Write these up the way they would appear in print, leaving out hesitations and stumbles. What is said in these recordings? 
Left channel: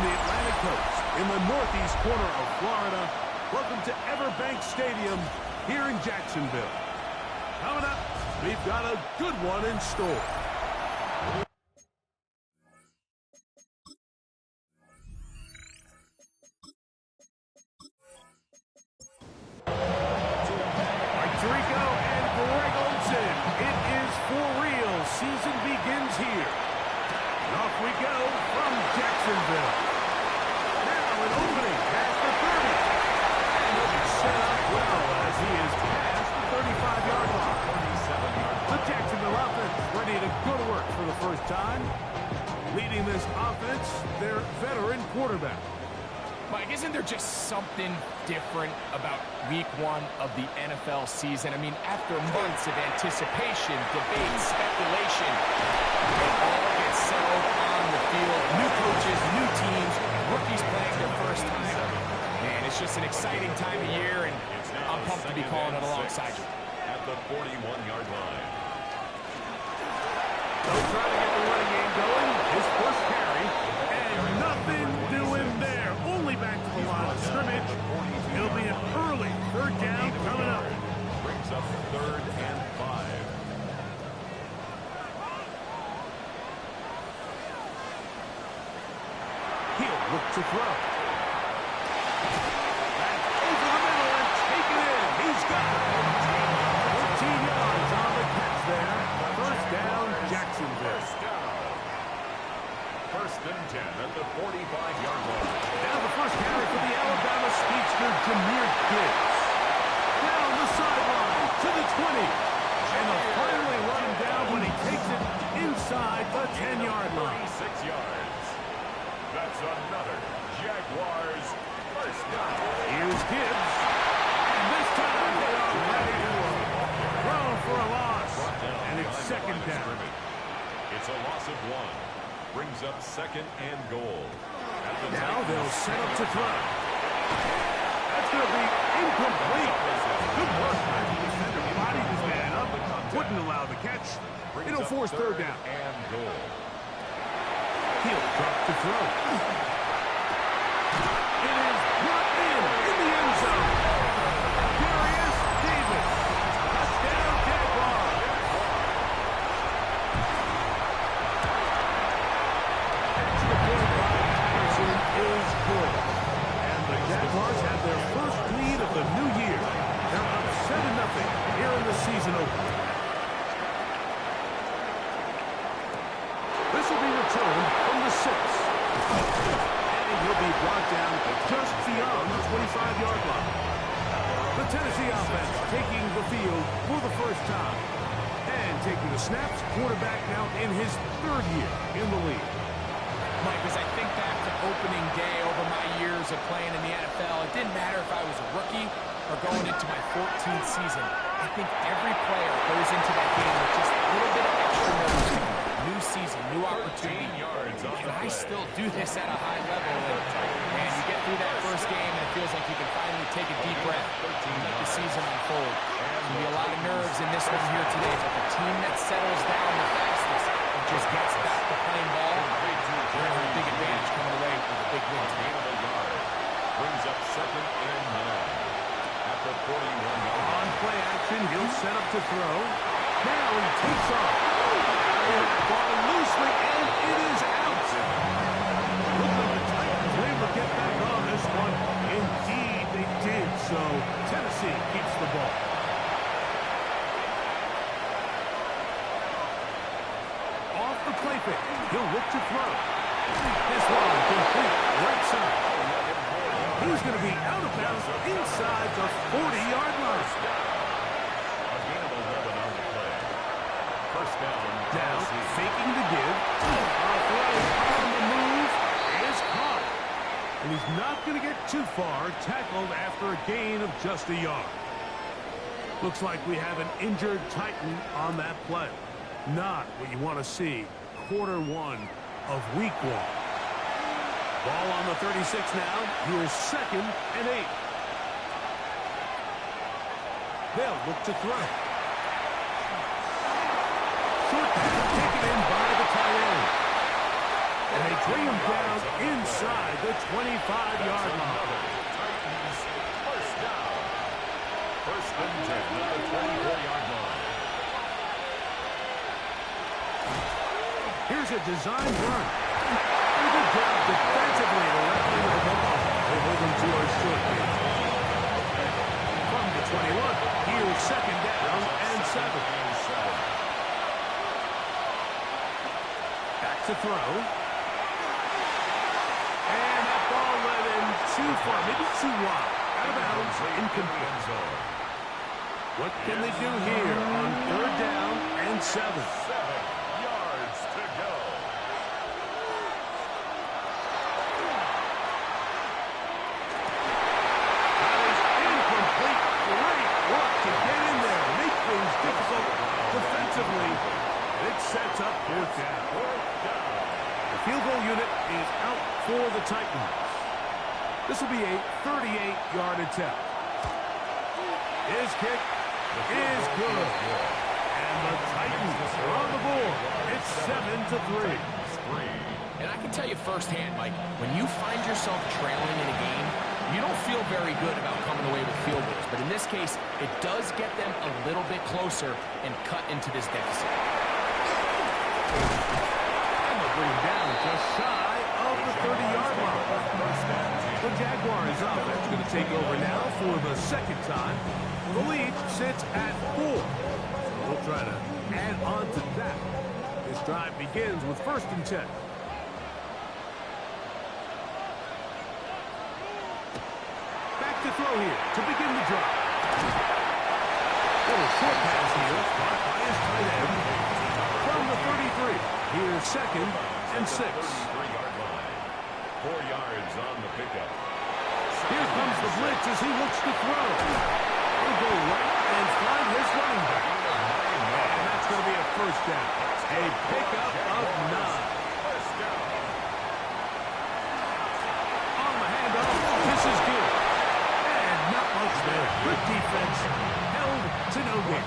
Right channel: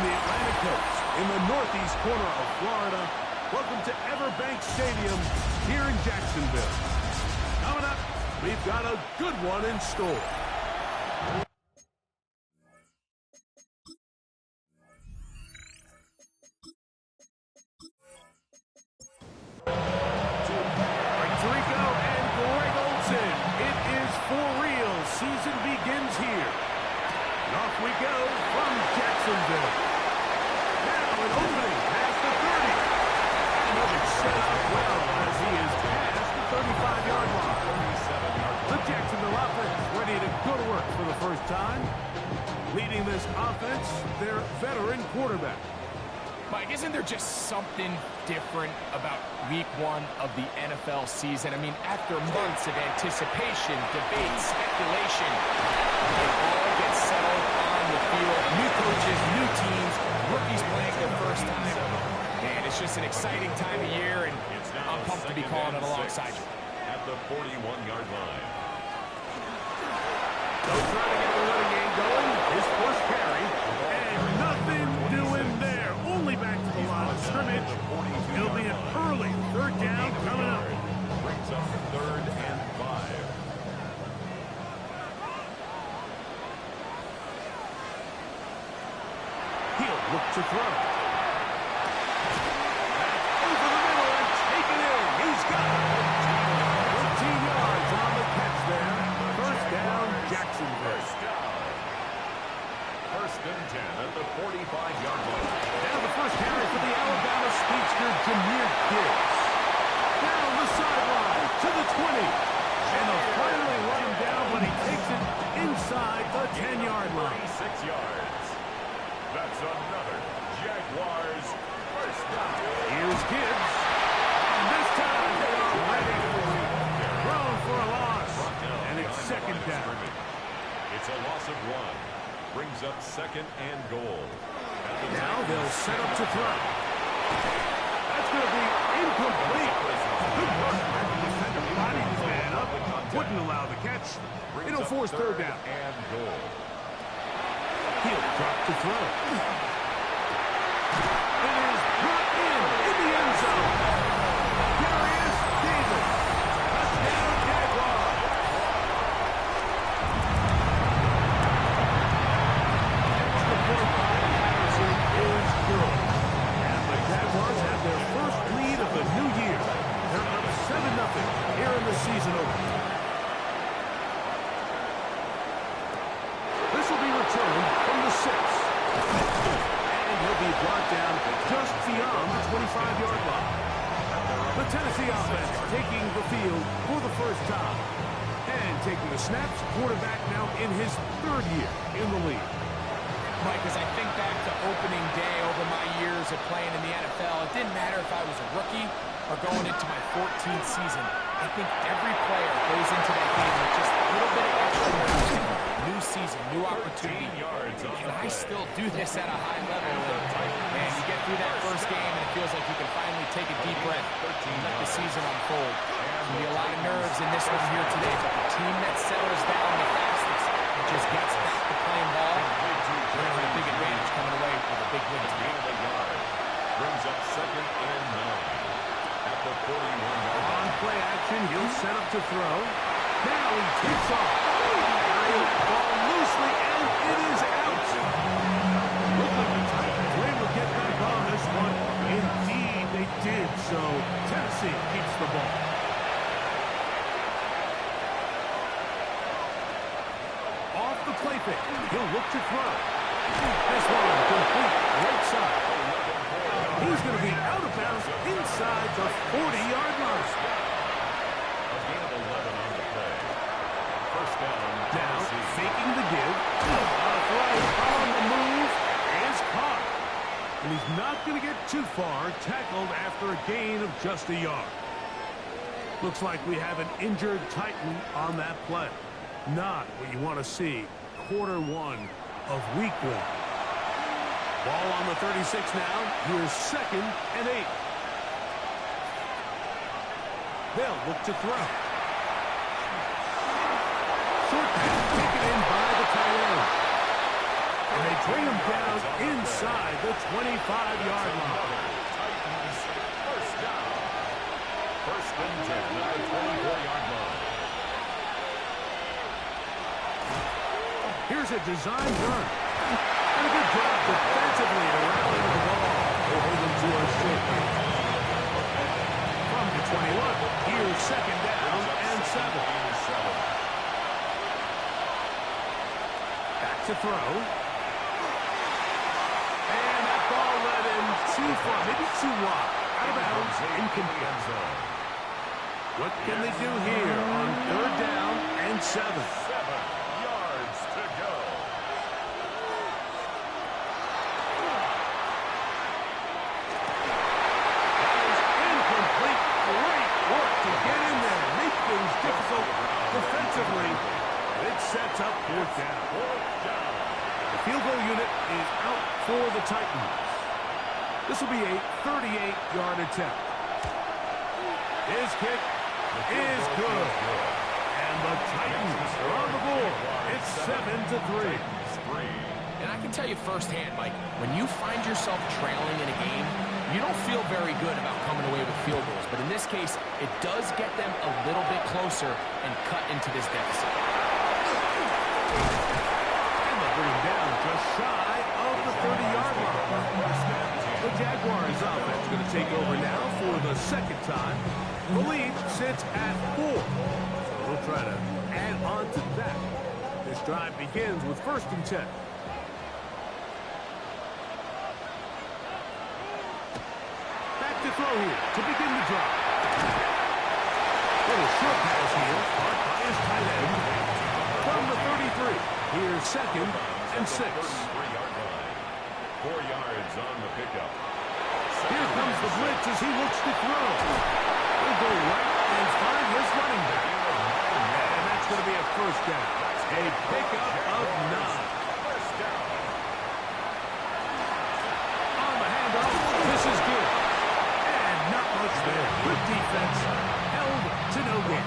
from the Atlantic coast in the northeast corner of Florida, welcome to Everbank Stadium here in Jacksonville. Coming up, we've got a good one in store. Tirico and Greg Olsen. It is for real. Season begins here. And off we go from Jacksonville. Now an opening past the 30. And he'll be set up well as he is past the 35-yard line. The Jacksonville offense ready to go to work for the first time. Leading this offense, their veteran quarterback. Mike, isn't there just something different about week one of the NFL season? I mean, after months of anticipation, debate, speculation, it all gets settled on the field. New coaches, new teams, rookies playing their first time. Man, it's just an exciting time of year, and I'm pumped to be calling it alongside you. At the 41-yard line. They'll try to get the running game going. His first carry, and nothing doing there. Only back to the line of scrimmage. It'll be an early third down coming up. Brings up 3rd and 5. He'll look to throw. Back over the middle and take it in. He's got it. 13 yards on the catch there. First down, Jacksonville. First and 10 at the 45-yard line. Now the first carry for the Alabama speedster, Jahmyr Gibbs. Down the sideline to the 20. And they'll finally run him down when he takes it inside the 10-yard line. 36 yards. That's another Jaguars first down. Here's Gibbs. And this time they are ready for him. Thrown for a loss. And it's second down. It's a loss of 1. Brings up 2nd and goal. Now they'll set up to throw. That's going to be incomplete. Good work by the defender. Bodied his man up. Wouldn't allow the catch. It'll force third down. And goal. He'll drop to throw. It is brought in the end zone. Darius Davis. Touchdown, Jaguars. Extra point by Patterson is good. And the Jaguars have their first lead of the new year. They're up 7-0 here in the season opener. This will be returned from the 6. And he'll be brought down just beyond the 25-yard line. The Tennessee offense taking the field for the first time. And taking the snaps, quarterback now in his 3rd year in the league. Mike, as I think back to opening day over my years of playing in the NFL, it didn't matter if I was a rookie or going into my 14th season. I think every player goes into that game with just a little bit of extra nerves. New season, new opportunity. And I still do this at a high level. And you get through that first game, and it feels like you can finally take a deep breath and let the season unfold. There's going to be a lot of nerves in this one here today, but the team that settles down the fastest and just gets back to playing ball, they're going to have a big advantage coming away with a big win. Gain of a yard. Brings up 2nd and 9. At the 41-yard line. On play action, he'll set up to throw. Now he takes off. Carrying the ball loosely, and it is out. Looked like the Titans were able to get back on this one. Indeed, they did. So Tennessee keeps the ball. Off the play fake, he'll look to throw. This one complete, right side. He's going to be out of bounds inside the 40-yard line. A gain of 11 on the play. First down. Now, faking the give. A throw on the move is caught. And he's not going to get too far, tackled after a gain of just a yard. Looks like we have an injured Titan on that play. Not what you want to see. Quarter 1 of week 1. Ball on the 36 now. Here's 2nd and 8. They'll look to throw. Short pass taken in by the tight end. And they they bring him down inside the 25-yard line. Titans first down. First and 10 at the 24-yard line. Here's a design run. And a good job defensively to rally the ball. They hold him to a short gain. From the 21, here's second down and 7. Back to throw. And that ball led him too far, maybe too wide. Out of bounds, incomplete. What can they do here on third down and 7? 7 yards to go. That is incomplete. Great work to get in there, make things difficult defensively. And it sets up fourth down. The field goal unit is out for the Titans. This will be a 38-yard attempt. His kick is good. And the Titans are on the board. It's 7-3. And I can tell you firsthand, Mike, when you find yourself trailing in a game, you don't feel very good about coming away with field goals. But in this case, it does get them a little bit closer and cut into this deficit. And they'll bring him down just shy of the 30-yard line. The Jaguars offense going to take over now for the second time. The lead sits at 4. So we'll try to add on to that. This drive begins with first and 10. Back to throw here to begin the drive. Little short pass here, caught by his tight end. From the 33, here's second and 6. 33-yard line. 4 yards on the pickup. Here comes the blitz as he looks to throw. He'll go right and find his running back. And that's going to be a first down. A pickup of 9. First down. On the handoff, this is good. And not much there. Good defense. Held to no gain.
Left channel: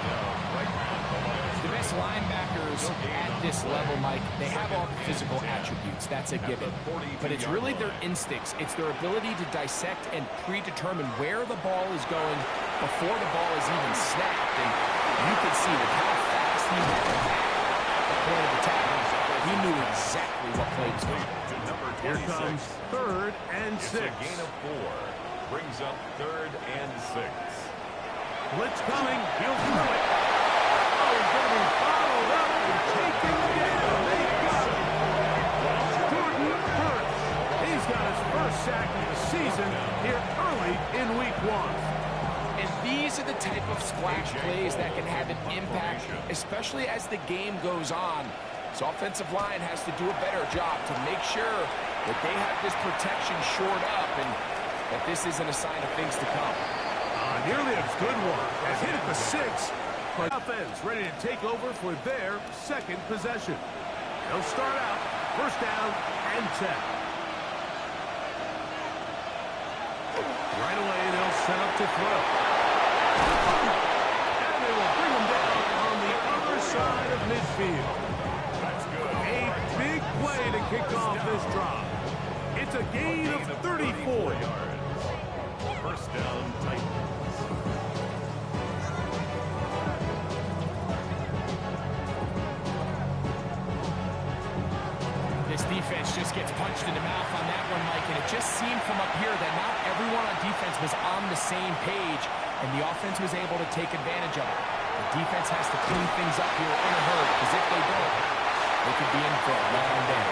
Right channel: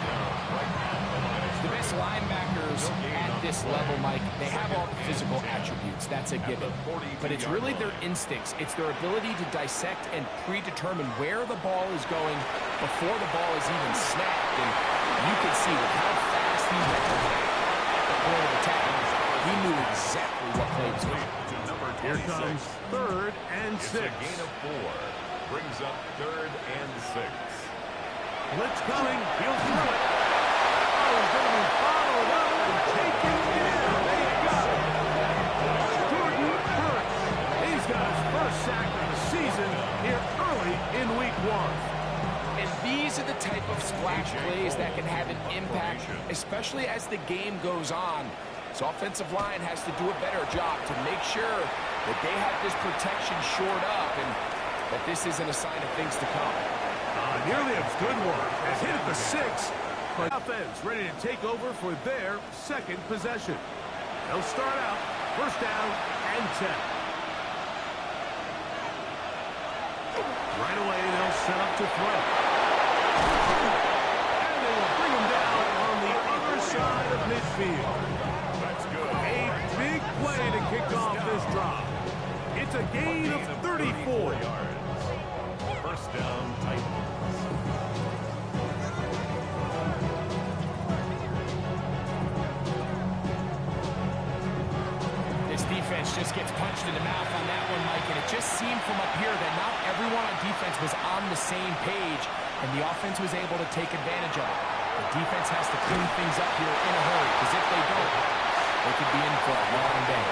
The best linebackers at this level, Mike, they have all the physical attributes. That's a given. But it's really their instincts. It's their ability to dissect and predetermine where the ball is going before the ball is even snapped. And you can see with how fast he went back at the point of attack, he knew exactly what play was coming. Here comes third and 6. It's a gain of 4. Brings up third and 6. Blitz coming. He'll throw it. Oh, he's going to be followed up and taken down. They got him. Jordan Hurts. He's got his first sack of the season here early in week 1. And these are the type of splash plays that can have an impact, especially as the game goes on. So offensive line has to do a better job to make sure that they have this protection shored up and that this isn't a sign of things to come. Nearly a good one. Has hit at the 6. But offense ready to take over for their second possession. They'll start out first down and 10. Right away, they'll set up to throw. And they will bring him down on the other side of midfield. That's good. A big play to kick off this drive. It's a gain of 34 yards. First down, Titans. This defense just gets punched in the mouth on that one, Mike, and it just seemed from up here that not everyone on defense was on the same page, and the offense was able to take advantage of it. The defense has to clean things up here in a hurry, because if they don't, they could be in for a long day.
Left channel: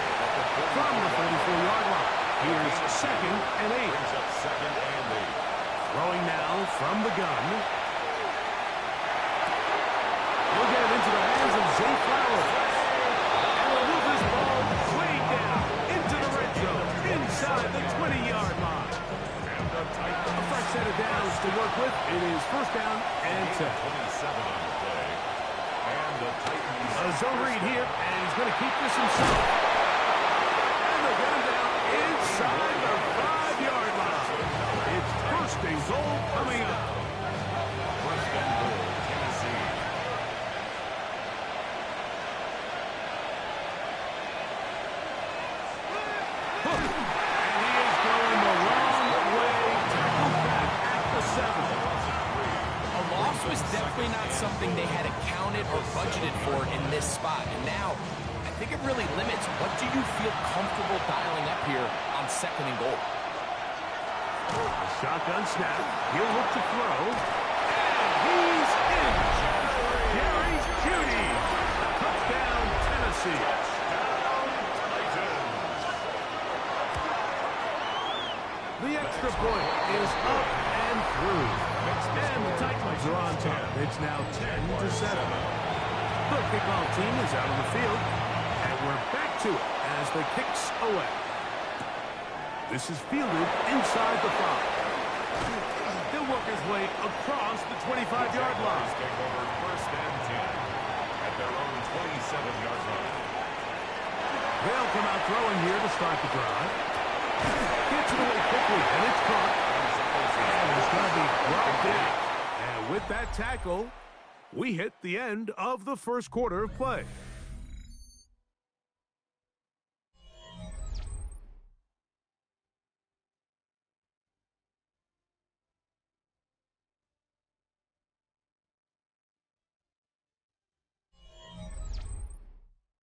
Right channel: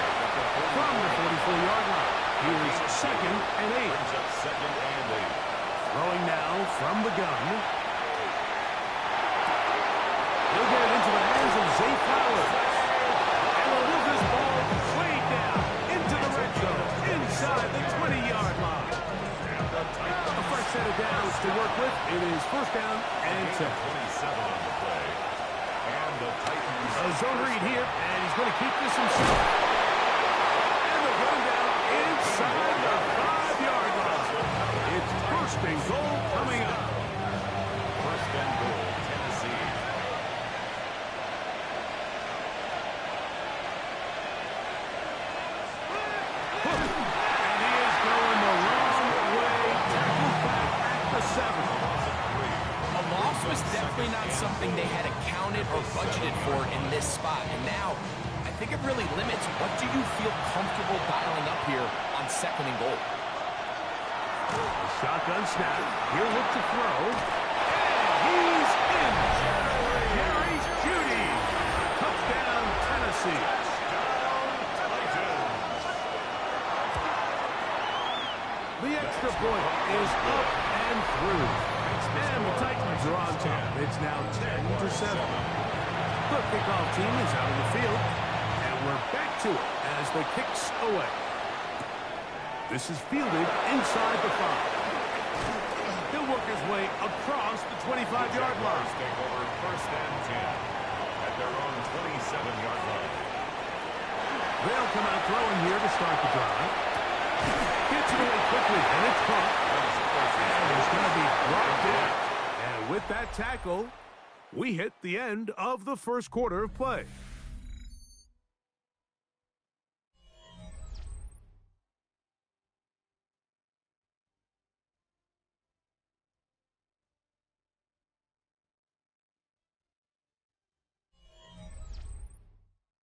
From the 44-yard line, here's second and 8. Brings up second and 8. Throwing now from the gun. He'll get it into the hands of Zay Flowers. And they'll move this ball way down into the red zone, inside the 20-yard line. A fresh set of downs to work with. It is first down and 10. 27 on the play. And the Titans. A zone read here, and he's going to keep this himself. And they'll get him down inside the 5-yard line. It's first and goal coming up. First and goal, Tennessee. And he is going the wrong way. Tackled back at the 7. A loss was definitely not something they had accounted or budgeted for in this spot. And now, I think it really limits what do you feel comfortable dialing up here on 2nd and goal. A shotgun snap. He'll look to throw. And he's in. Jerry Jeudy. Touchdown, Tennessee. The extra point is up and through. And the Titans are on top. It's now 10-7. The kickoff team is out on the field. And we're back to it as the kicks away. This is fielded inside the 5. He'll work his way across the 25-yard line. Take over 1st and 10 at their own 27-yard line. They'll come out throwing here to start the drive. Gets it away quickly, and it's caught. And he's going to be brought down. And with that tackle, we hit the end of the first quarter of play.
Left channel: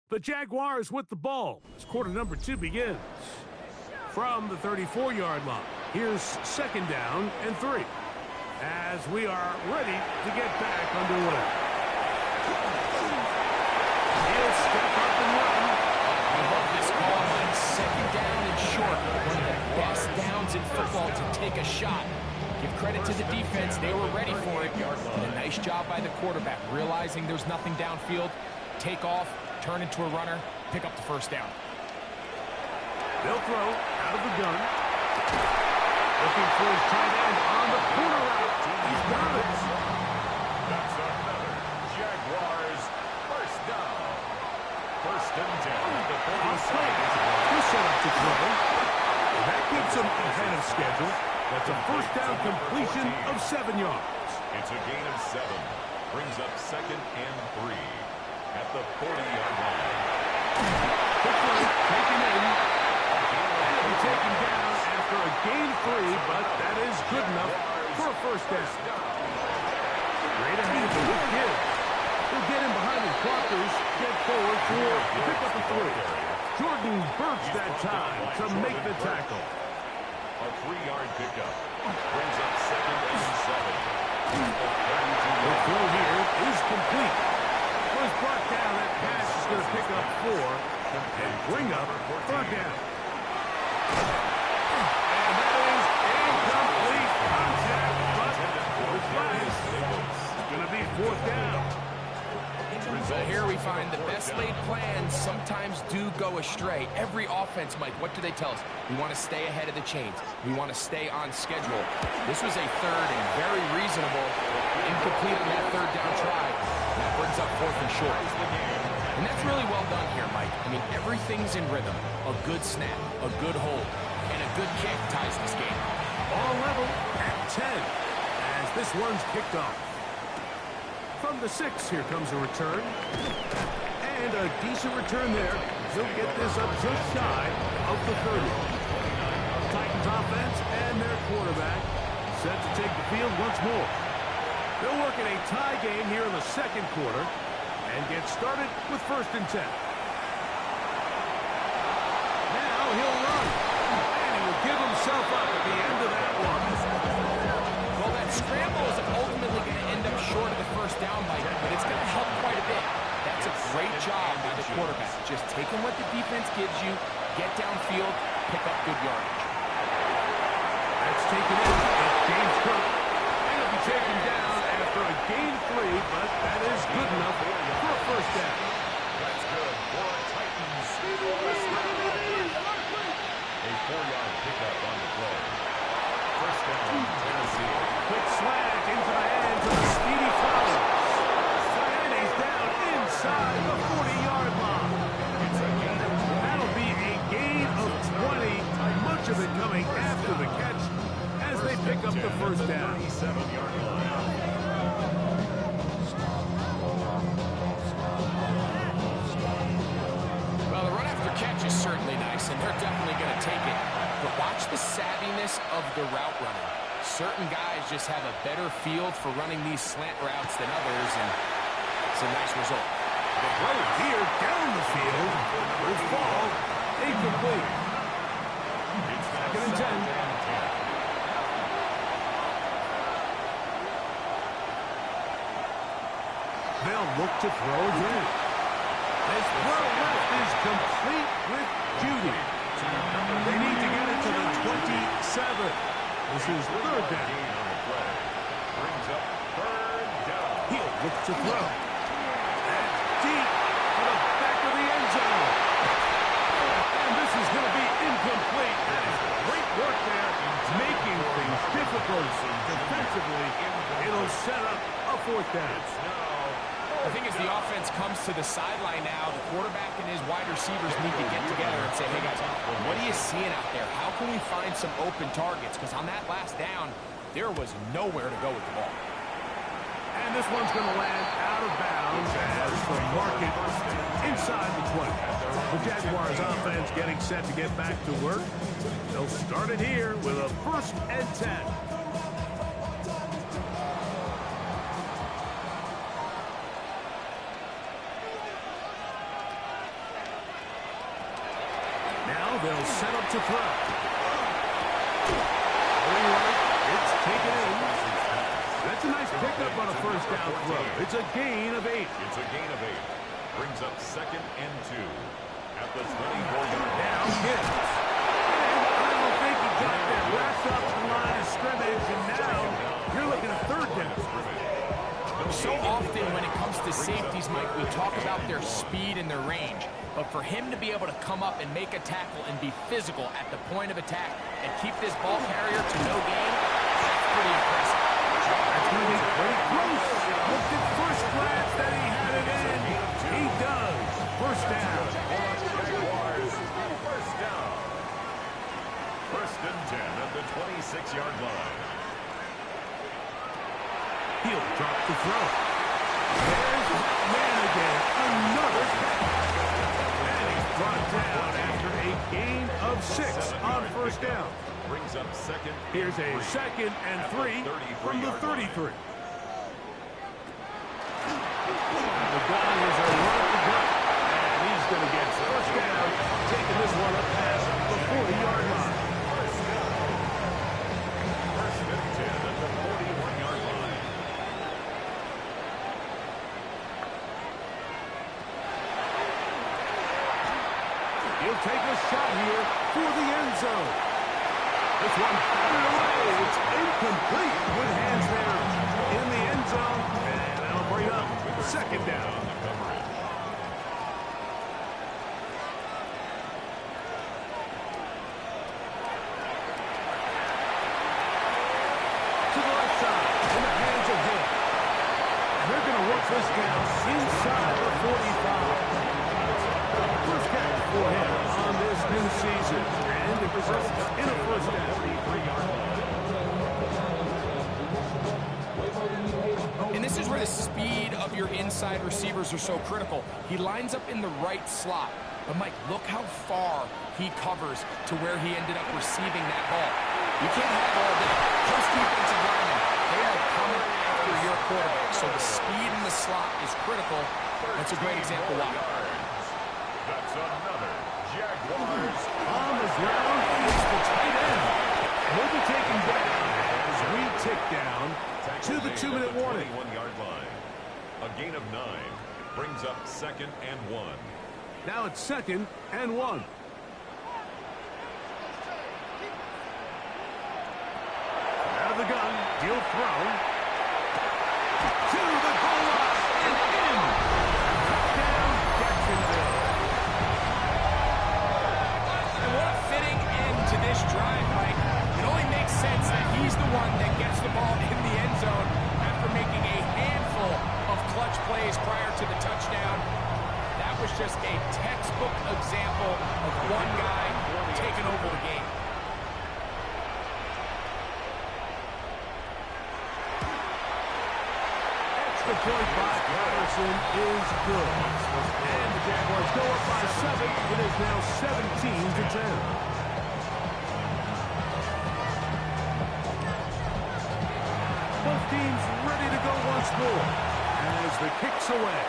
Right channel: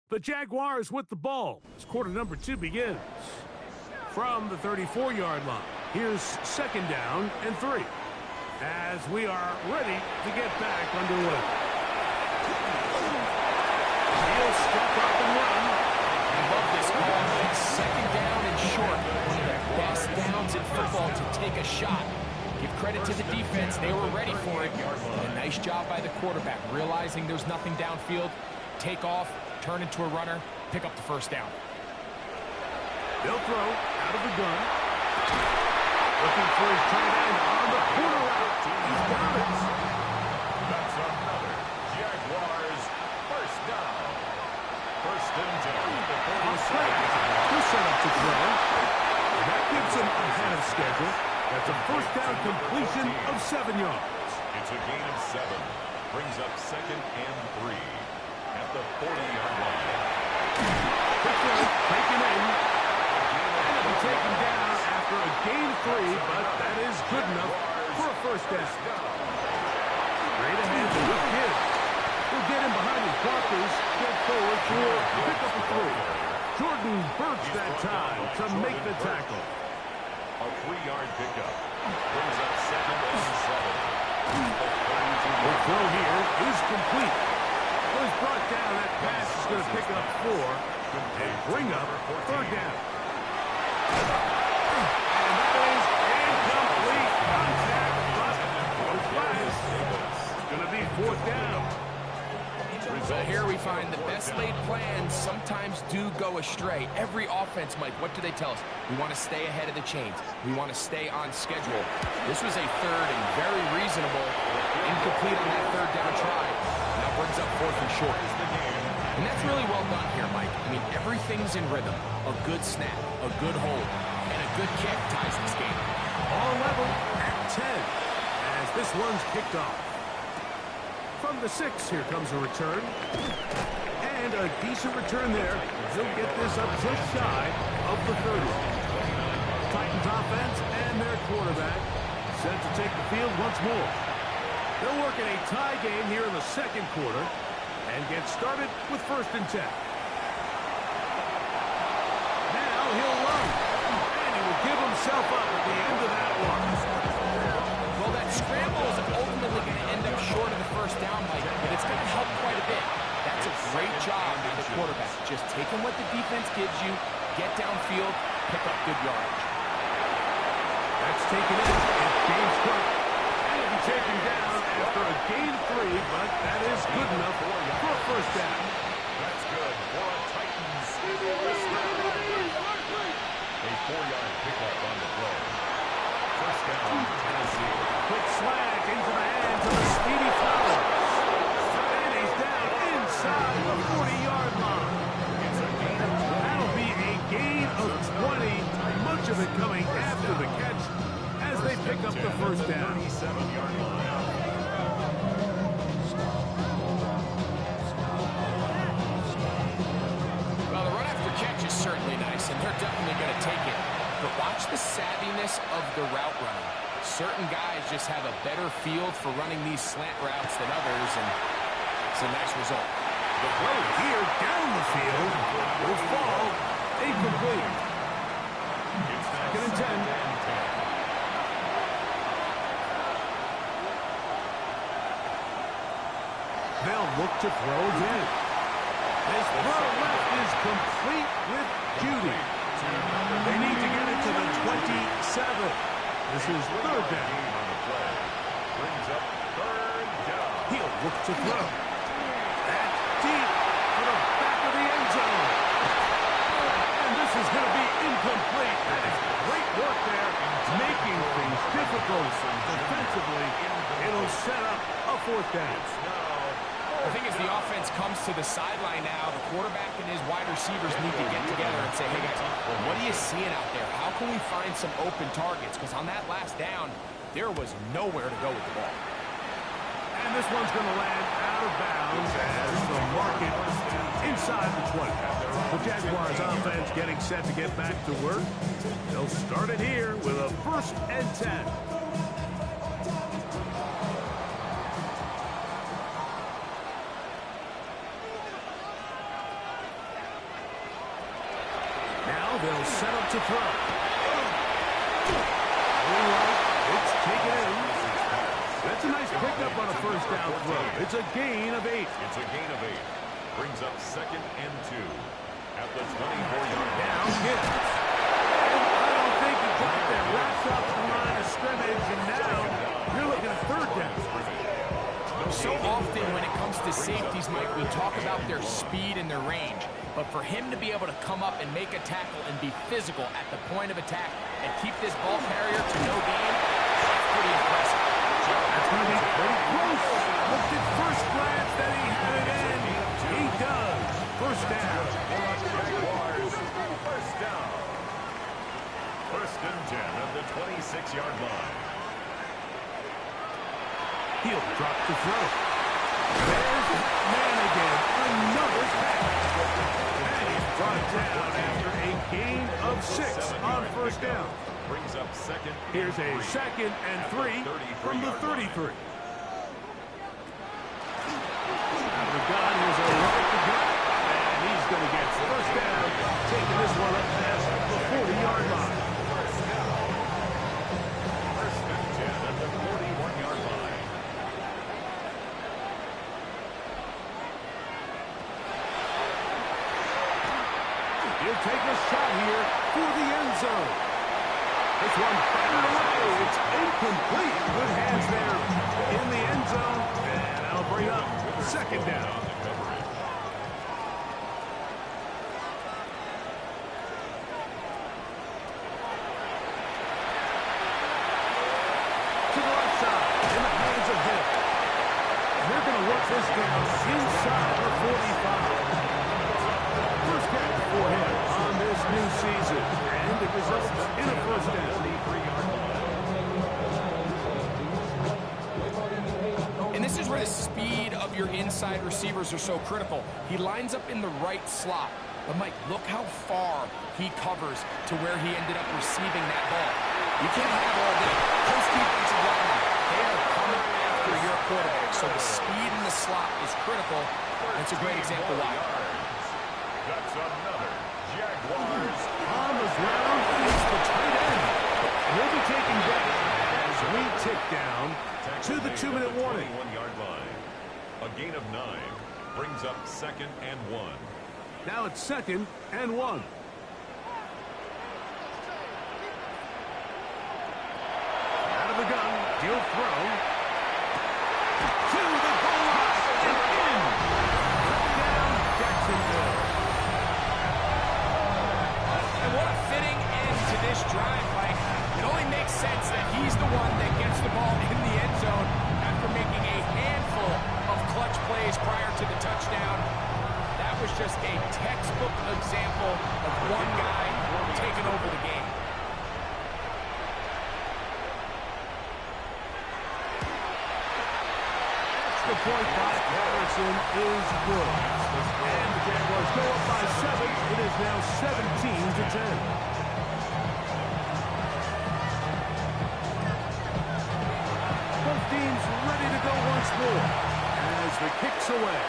The Jaguars with the ball as quarter number 2 begins. From the 34-yard line, here's 2nd down and 3. As we are ready to get back underway. He'll step up and run. I love this call, Mike. 2nd down and short. One of the best downs in football to take a shot. Give credit to the defense. They were ready for it. And a nice job by the quarterback, realizing there's nothing downfield. Take off, turn into a runner, pick up the 1st down. They'll throw out of the gun. Looking for his tight end on the corner route. He's got it. That's another Jaguars 1st down. 1st and 10 at the 47. He'll set up to throw. And that keeps him ahead of schedule. That's a 1st down completion of 7 yards. It's a gain of 7. Brings up 2nd and 3 at the 40-yard line. Quick run, taken in. And it'll be taken down after a gain of 3, but that is good enough for a 1st down. Straight ahead with Gibbs. He'll get in behind his blockers, get forward for the pickup of 3. Jordan Burks that time to make the tackle. A 3-yard pickup brings up 2nd and 7. The throw here is complete. Was brought down. That pass is going to pick up 4 and bring up 3rd down. And that is incomplete contact, but no flags. It's going to be 4th down. So here we find the best laid plans sometimes do go astray. Every offense, Mike, what do they tell us? We want to stay ahead of the chains. We want to stay on schedule. This was a 3rd and very reasonable, incomplete on that 3rd down try. Now brings up 4th and short. And that's really well done here, Mike. I mean, everything's in rhythm. A good snap, a good hold, and a good kick ties this game. All level at 10 as this one's kicked off. From the 6, here comes a return. And a decent return there. He'll get this up just shy of the 30. Titans offense and their quarterback set to take the field once more. They'll work in a tie game here in the 2nd quarter and get started with 1st and 10. Now he'll run. And he will give himself up at the end of that one. Well, that scramble is ultimately going to end up short of the 1st down, Mike, but it's going to help quite a bit. That's a great job by the quarterback. Just taking what the defense gives you, get downfield, pick up good yardage. That's taken in. It's James Cook. And he'll be taken down after a gain of 3, but that is good enough for a 1st down. That's good for a Titans. A 4-yard pickup on the play. 1st down, Tennessee. Quick slant into the hands of the speedy Flowers. And he's down inside the 40-yard line. That'll be a gain of 20. Much of it coming after the catch as they pick up the 1st down. 37-yard line. Well, the run after catch is certainly really nice, and they're definitely going to take it. But watch the savviness of the route running. Certain guys just have a better field for running these slant routes than others, and it's a nice result. The throw here down the field will fall incomplete. Second and 10. They'll look to throw again. This throw left is complete with Judy. They need to get it to the 27. This is third down. On the play. Brings up third down. He'll look to throw. And deep for the back of the end zone. And this is going to be incomplete. That is great work there, making things difficult defensively. It'll set up a fourth down. I think as the offense comes to the sideline now, the quarterback and his wide receivers need to get together and say, hey, guys, what are you seeing out there? How can we find some open targets? Because on that last down, there was nowhere to go with the ball. And this one's going to land out of bounds as the market inside the 20. The Jaguars offense getting set to get back to work. They'll start it here with a 1st and 10. Now they'll set up to throw. Going right, it's taken in. That's a nice pickup on a 1st down throw. It's a gain of 8. It's a gain of 8. Brings up 2nd and 2 at the 24-yard line. Now Gibbs. And I don't think he got there. Wrapped up the line of scrimmage, and now you're looking at 3rd down. So often when it comes to safeties, Mike, we talk about their speed and their range. But for him to be able to come up and make a tackle and be physical at the point of attack and keep this ball carrier to no gain, that's pretty impressive. That's going to be pretty close. Looked at first glance that he had it in. He does. 1st down. Jaguars, 1st down. 1st and 10 at the 26-yard line. He'll drop the throw. There's that man again. Another catch. And he's brought down after a gain of 6 on 1st down. Brings up 2nd. Here's a 2nd and 3 from the 33. Out of the gun, here's a run at the gut. And he's going to get 1st down, taking this one up past the 40-yard line. 1st and 10 at the 41-yard line. He'll take a shot here for the end zone. This one batted away. It's incomplete. Good hands there in the end zone. And that'll bring up 2nd down. To the left side, in the hands of Hill. And they're going to work this down inside the 45. First catch for him on this new season, and it results in a 1st down. 43-yard line. And this is where the speed of your inside receivers are so critical. He lines up in the right slot. But, Mike, look how far he covers to where he ended up receiving that ball. You can't have all day. Those defensive linemen, they are coming after your quarterback. So the speed in the slot is critical. That's a great example why. That's another Jaguars. On the ground is the tight end. He'll be taken down as we tick down to the 2-minute warning. 21-yard line. A gain of 9 brings up 2nd and 1. Now it's 2nd and 1. Out of the gun, he'll throw to the goal line and in. Touchdown, Jacksonville. And what a fitting end to this drive, Mike. It only makes sense that he's the one that gets the ball in the end zone after making a handful of clutch plays prior to the touchdown. That was just a textbook example of one guy taking over the game. extra point by Patterson is good. And the Jaguars go up by 7. It is now 17-10. Both teams ready to go once more as the kick's away.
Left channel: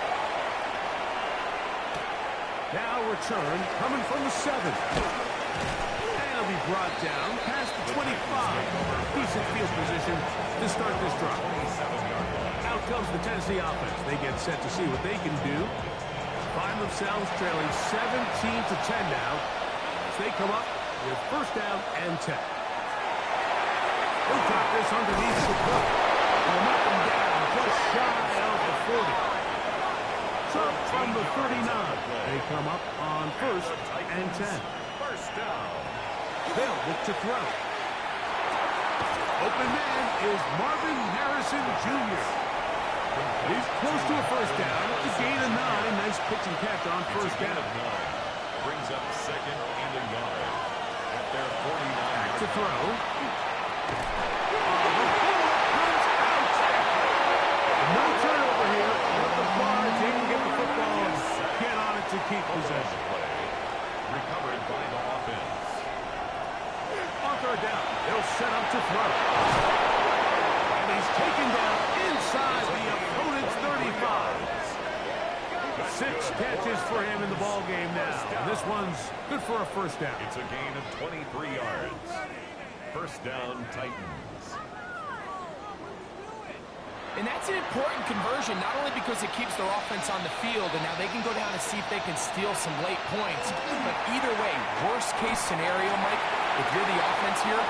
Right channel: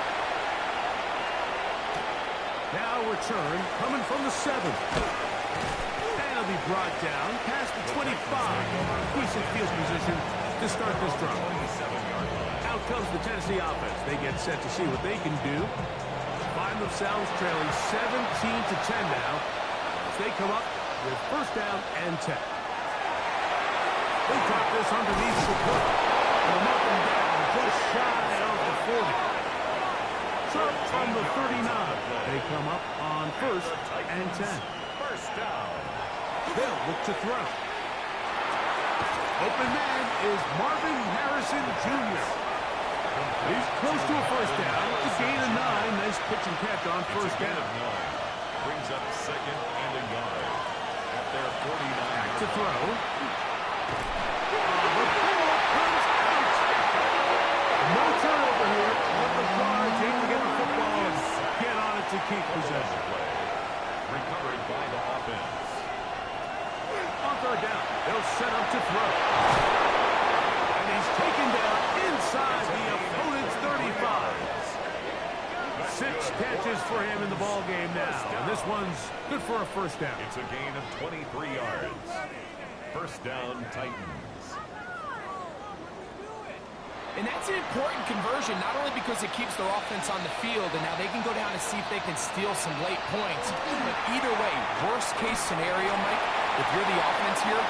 Now return coming from the 7. And it'll be brought down past the 25. Decent field position to start this drive. Out comes the Tennessee offense. They get set to see what they can do. Find themselves trailing 17-10 now as they come up with first down and 10. He'll drop this underneath the Cook. And they'll knock him down just shy of the 40. So from the 39, they come up on first and 10. First down. They'll look to throw. Open man is Marvin Harrison Jr. He's close to a first down. It's a gain of 9. Nice pitch and catch on first down. Brings up second and a yard at their 49. Back to throw. The ball comes out. No turnover here. Let the Cards able to get the football and get on it to keep possession. Recovered by the offense. On third down, they'll set up to throw. And he's taken down inside the opponent's 35. 6 catches for him in the ball game now. And this one's good for a first down. It's a gain of 23 yards. First down, Titans. And that's an important conversion, not only because it keeps their offense on the field, and now they can go down and see if they can steal some late points. But either way, worst case scenario, Mike, if you're the offense here,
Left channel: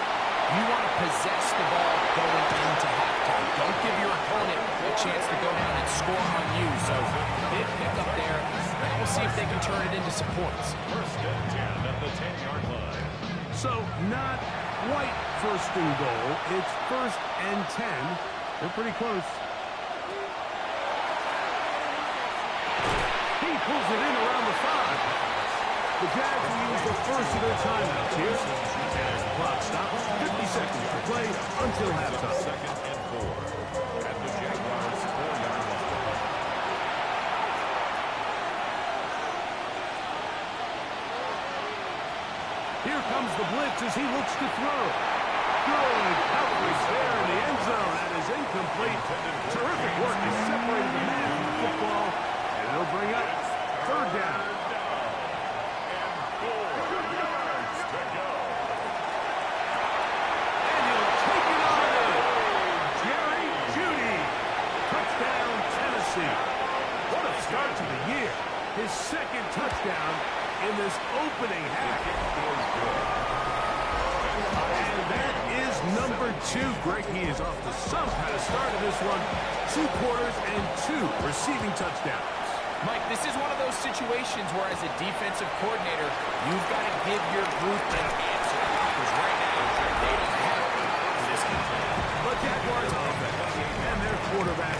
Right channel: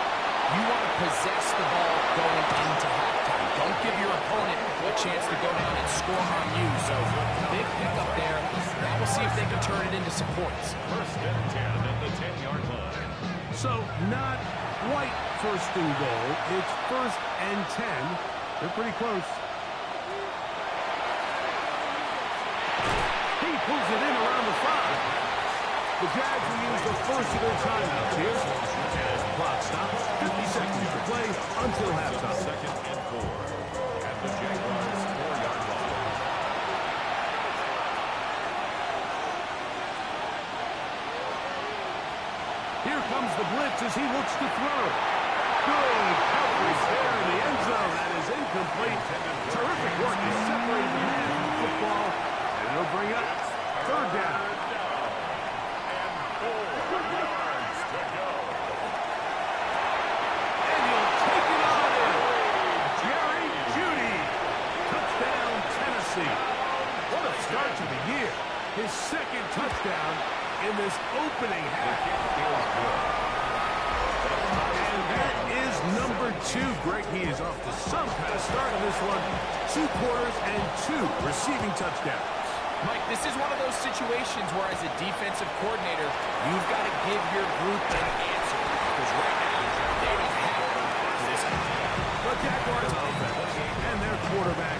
you want to possess the ball going into halftime. Don't give your opponent a chance to go down and score on you. So big pickup there. Now we'll see if they can turn it into some points. First and 10 at the 10-yard line. So not quite first and goal. It's first and 10. They're pretty close. He pulls it in around the 5. The Jags will use the first of their timeouts here. As the clock stops, 50 seconds to play until halftime. Second and 4 at the Jaguars' 4-yard line. Here comes the blitz as he looks to throw. Good coverage there in the end zone. That is incomplete. Terrific work. They separated the man from the football. And it'll bring up third down. And 4 yards to go. And he'll take it on in. Jerry Jeudy. Touchdown, Tennessee. What a start to the year. His second touchdown in this opening half. Is good. And that is number 2. Greg, he is off to some kind of start in this one. 2 quarters and 2 receiving touchdowns. Mike, this is one of those situations where as a defensive coordinator, you've got to give your group an answer. Because right now, they don't have one for this game. The Jaguars offense and their quarterback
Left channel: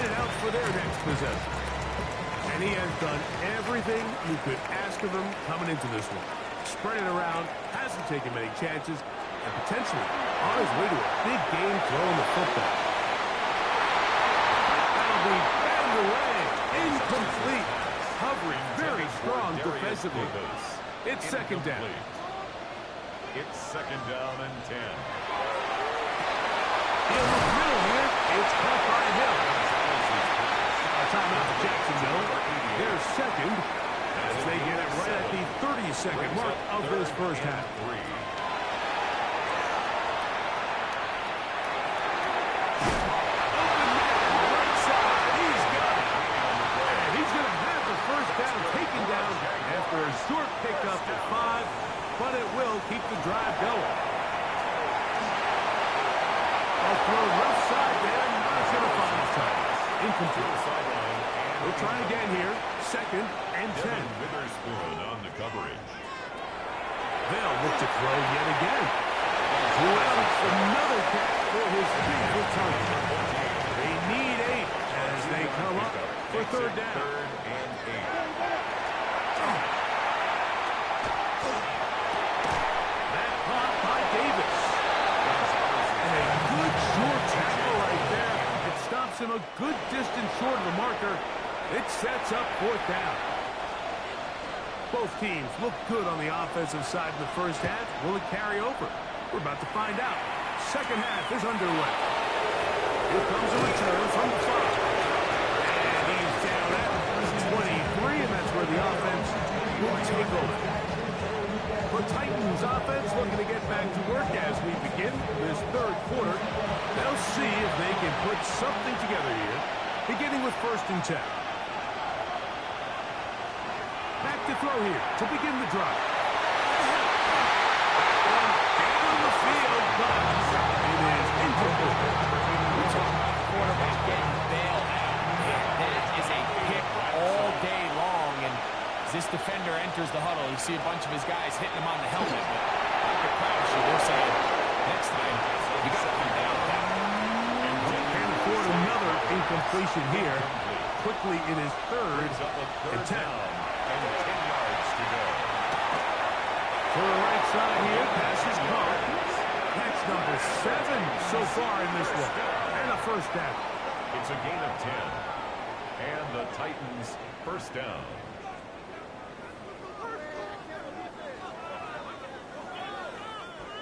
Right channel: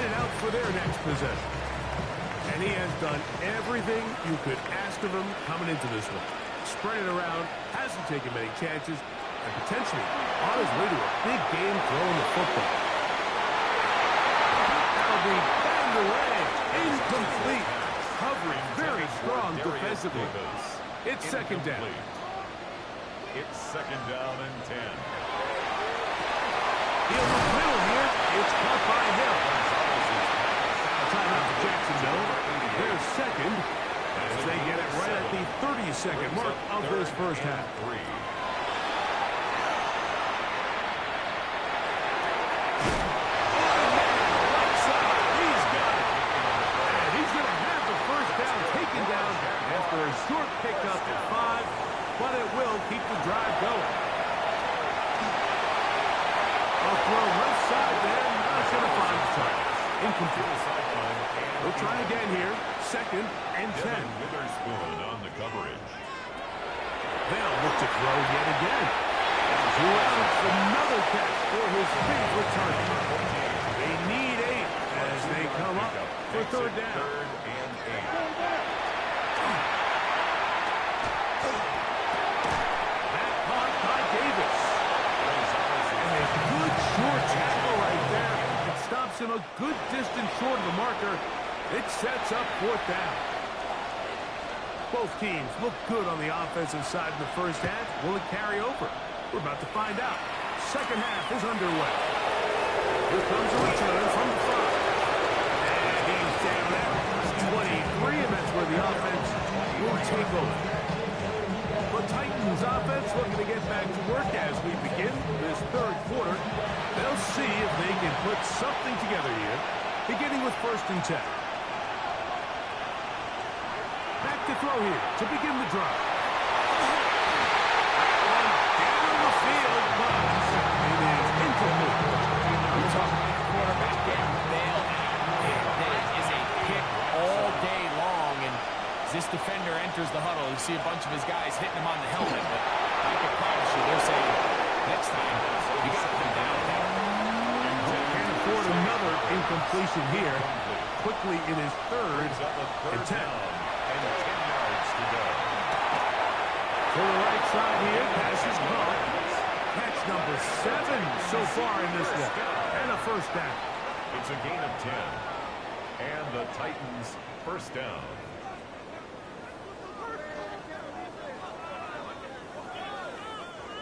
headed out for their next possession. And he has done everything you could ask of him coming into this one. Spread it around, hasn't taken many chances, and potentially on his way to a big game throwing the football. That'll be batted away. Incomplete. Covering very strong defensively. It's second down. It's second down and 10. He'll look middle here. It's caught by Hill. Now a timeout for Jacksonville. Their second as they get it right at the 30-second mark of this first half. Open man, right side. He's got it. And he's going to have the first down taken down after a short pickup of 5, but it will keep the drive going. I'll throw left side there. Not going to find the target. Incomplete. We'll try again here. Second and 10. Witherspoon on the coverage. They'll look to throw yet again. Well, another catch for his favorite target. They need 8 as they come up for third down. Third and 8. That caught by Davis. And a good short tackle right there. It stops him a good distance short of the marker. It sets up 4th down. Both teams look good on the offensive side in the first half. Will it carry over? We're about to find out. Second half is underway. Here comes a return from the 5. And he's down at 23, and that's where the offense will take over. The Titans offense looking to get back to work as we begin this 3rd quarter. They'll see if they can put something together here, beginning with 1st and 10. Back to throw here to begin the drive. That one down the field, but it is incomplete. We talk about the quarterback getting bailed out. And that is a pick all day long. And as this defender enters the huddle, you see a bunch of his guys hitting him on the helmet. But I can promise you, they're saying, next time, you got to come down with that. Can't afford another incompletion here. Quickly, it is 3rd and 10. And 10 yards to go. To the right side here, pass is caught. Catch number 7 so far in this one. And a 1st down. It's a gain of 10. And the Titans 1st down.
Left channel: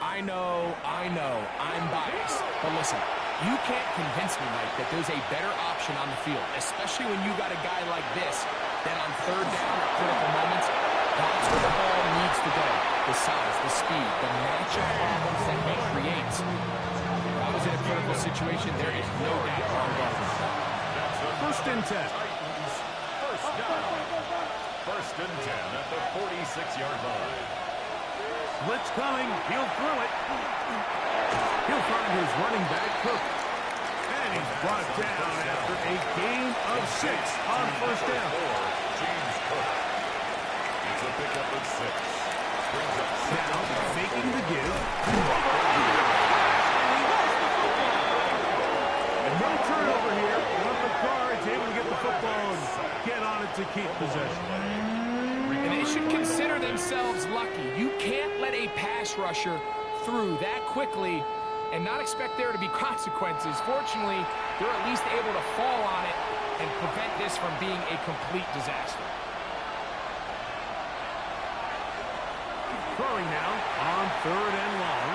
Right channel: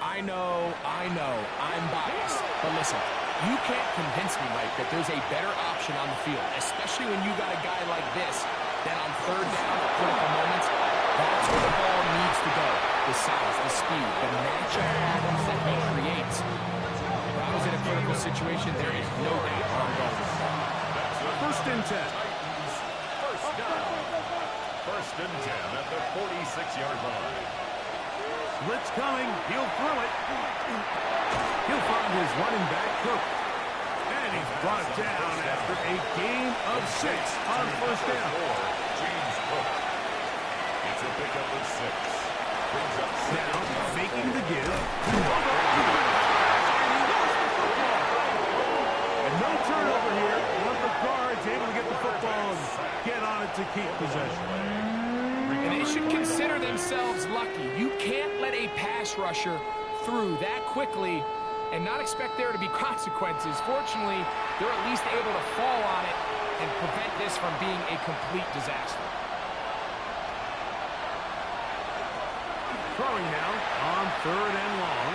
I know, I'm biased. But listen, you can't convince me, Mike, that there's a better option on the field, especially when you got a guy like this that on 3rd down at critical moments, that's where the ball needs to go. The size, the speed, the matchup problems that he creates. If I was in a critical situation, there is no doubt where I'm going with that. That's the 1st and 10. Titans 1st down. 1st and 10 at the 46-yard line. Blitz coming. He'll throw it. He'll find his running back, Cook. And he's brought down after a gain of 6 on 1st down. James Cook. It's a pickup of 6. Brings up 6. Now, faking the give. And he lost the football. And no turnover here. One of the guards able to get the football and get on it to keep possession. And they should consider themselves lucky. You can't let a pass rusher through that quickly and not expect there to be consequences. Fortunately, they're at least able to fall on it and prevent this from being a complete disaster. Throwing now on 3rd and long.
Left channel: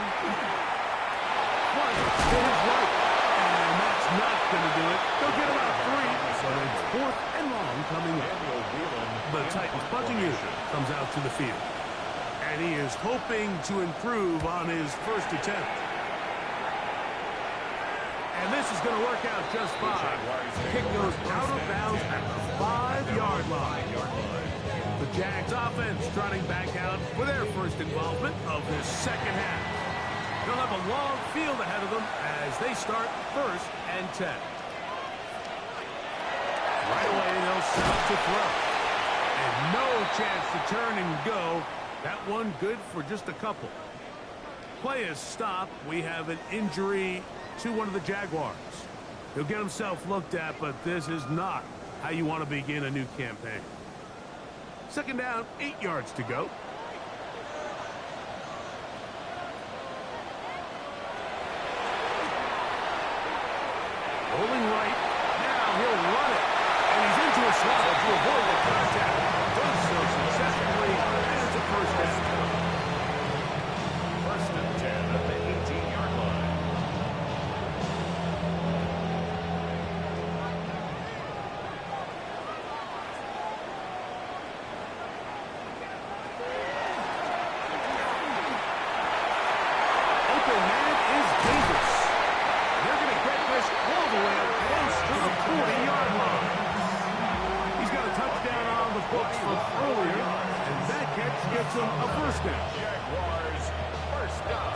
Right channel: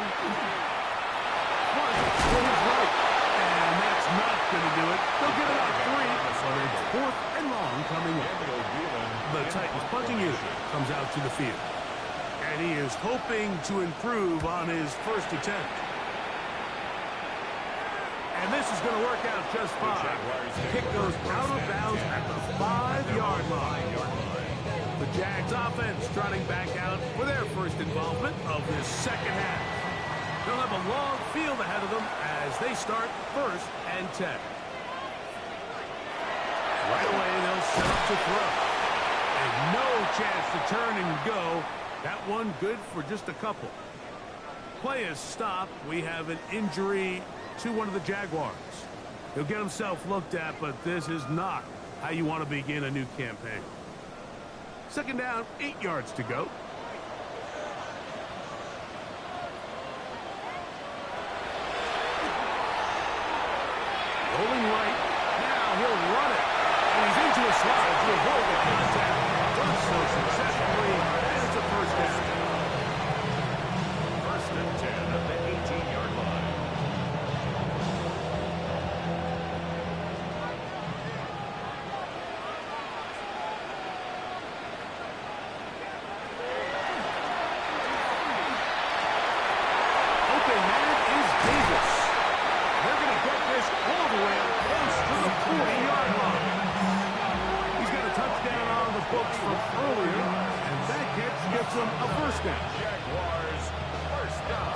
One to his right. And that's not going to do it. They'll get about 3, but it's 4th and long coming up. The Titans punching unit comes out to the field. And he is hoping to improve on his 1st attempt. And this is going to work out just fine. The kick goes out of bounds at the 5-yard line. The Jags offense trotting back out for their 1st involvement of this 2nd half. They'll have a long field ahead of them as they start 1st and 10. Right away, they'll set up to throw. And no chance to turn and go. That one good for just a couple. Play is stopped. We have an injury to one of the Jaguars. He'll get himself looked at, but this is not how you want to begin a new campaign. 2nd down, 8 yards to go. Rolling right. Now he'll run it. And he's into a slot to avoid the contact. Does so successfully. And it's a 1st down. 1st and 10 at the 18-yard line. Open man is Davis. They're going to get this all the way up close to the 40-yard line. He's got a touchdown on the books from earlier, and that catch gets him a 1st down. Jaguars 1st down.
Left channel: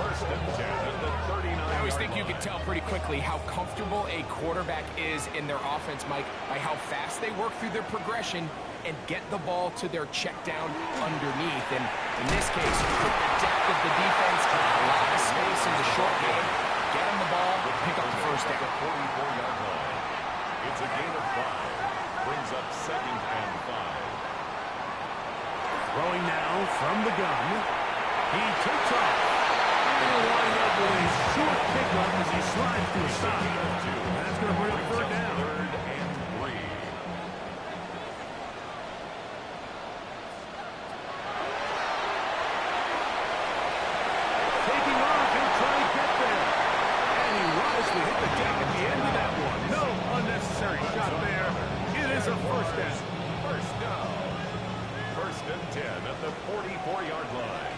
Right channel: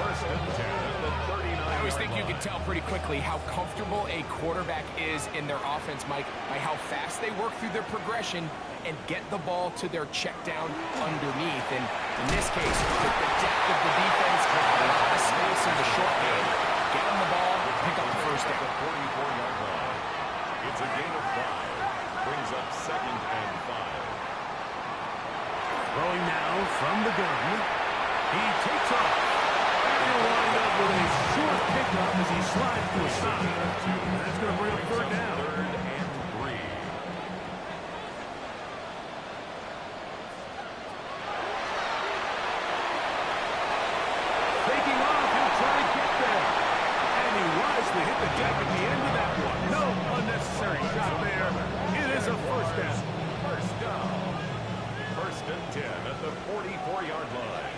1st and 10 at the 39-yard line. I always think you can tell pretty quickly how comfortable a quarterback is in their offense, Mike, by how fast they work through their progression and get the ball to their check down underneath. And in this case, with the depth of the defense, a lot of space in the short game, get them the ball, pick up the 1st down. 44-yard line. It's a gain of 5. Brings up 2nd and 5. Throwing now from the gun. He takes off. And wind up with a short pickup as he slides to a stop. And that's going to bring up third down. 3rd and 3. Taking off, he'll try to get there. And he wisely hit the deck at the end of that one. No unnecessary shot there. It is a first down. First down. 1st and 10 at the 44-yard line.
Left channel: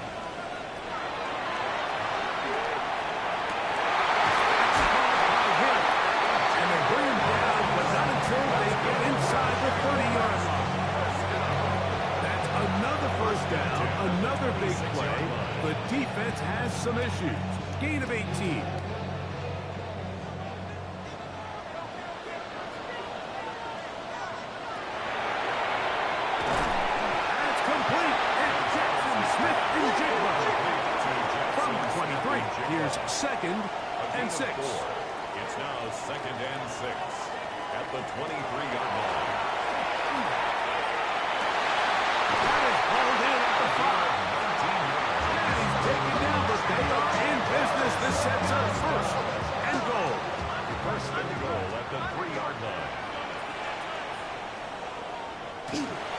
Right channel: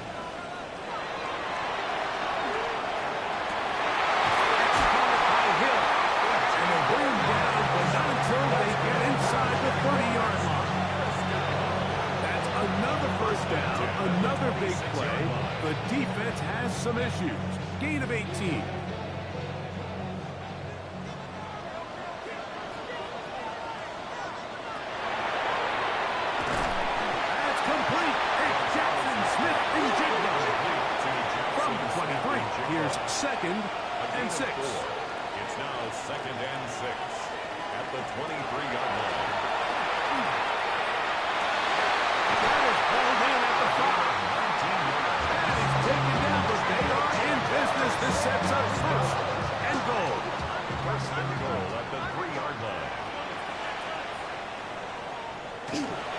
And they bring him down, but not until they get inside the 30-yard line. That's another first down, another big play. The defense has some issues. Gain of 18. That's complete. It's Jackson Smith and Jigba. From the 23, here's 2nd and 6. It's now 2nd and 6 at the 23-yard line. That is hauled in at the 5. 19 yards. And he's taken down, but they are in business. This sets up 1st and goal. 1st and goal at the 3-yard line.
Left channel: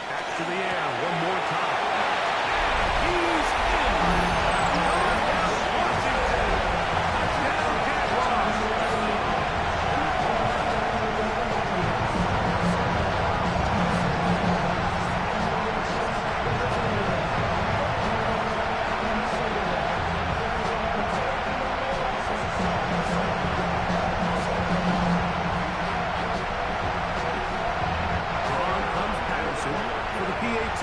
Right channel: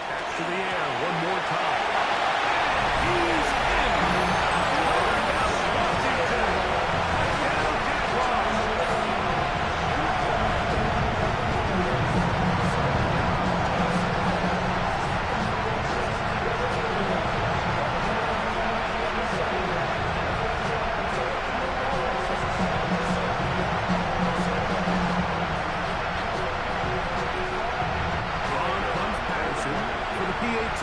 Back to the air one more time. And he's in. Touchdown, Washington. Touchdown, Jaguars. For the PAT.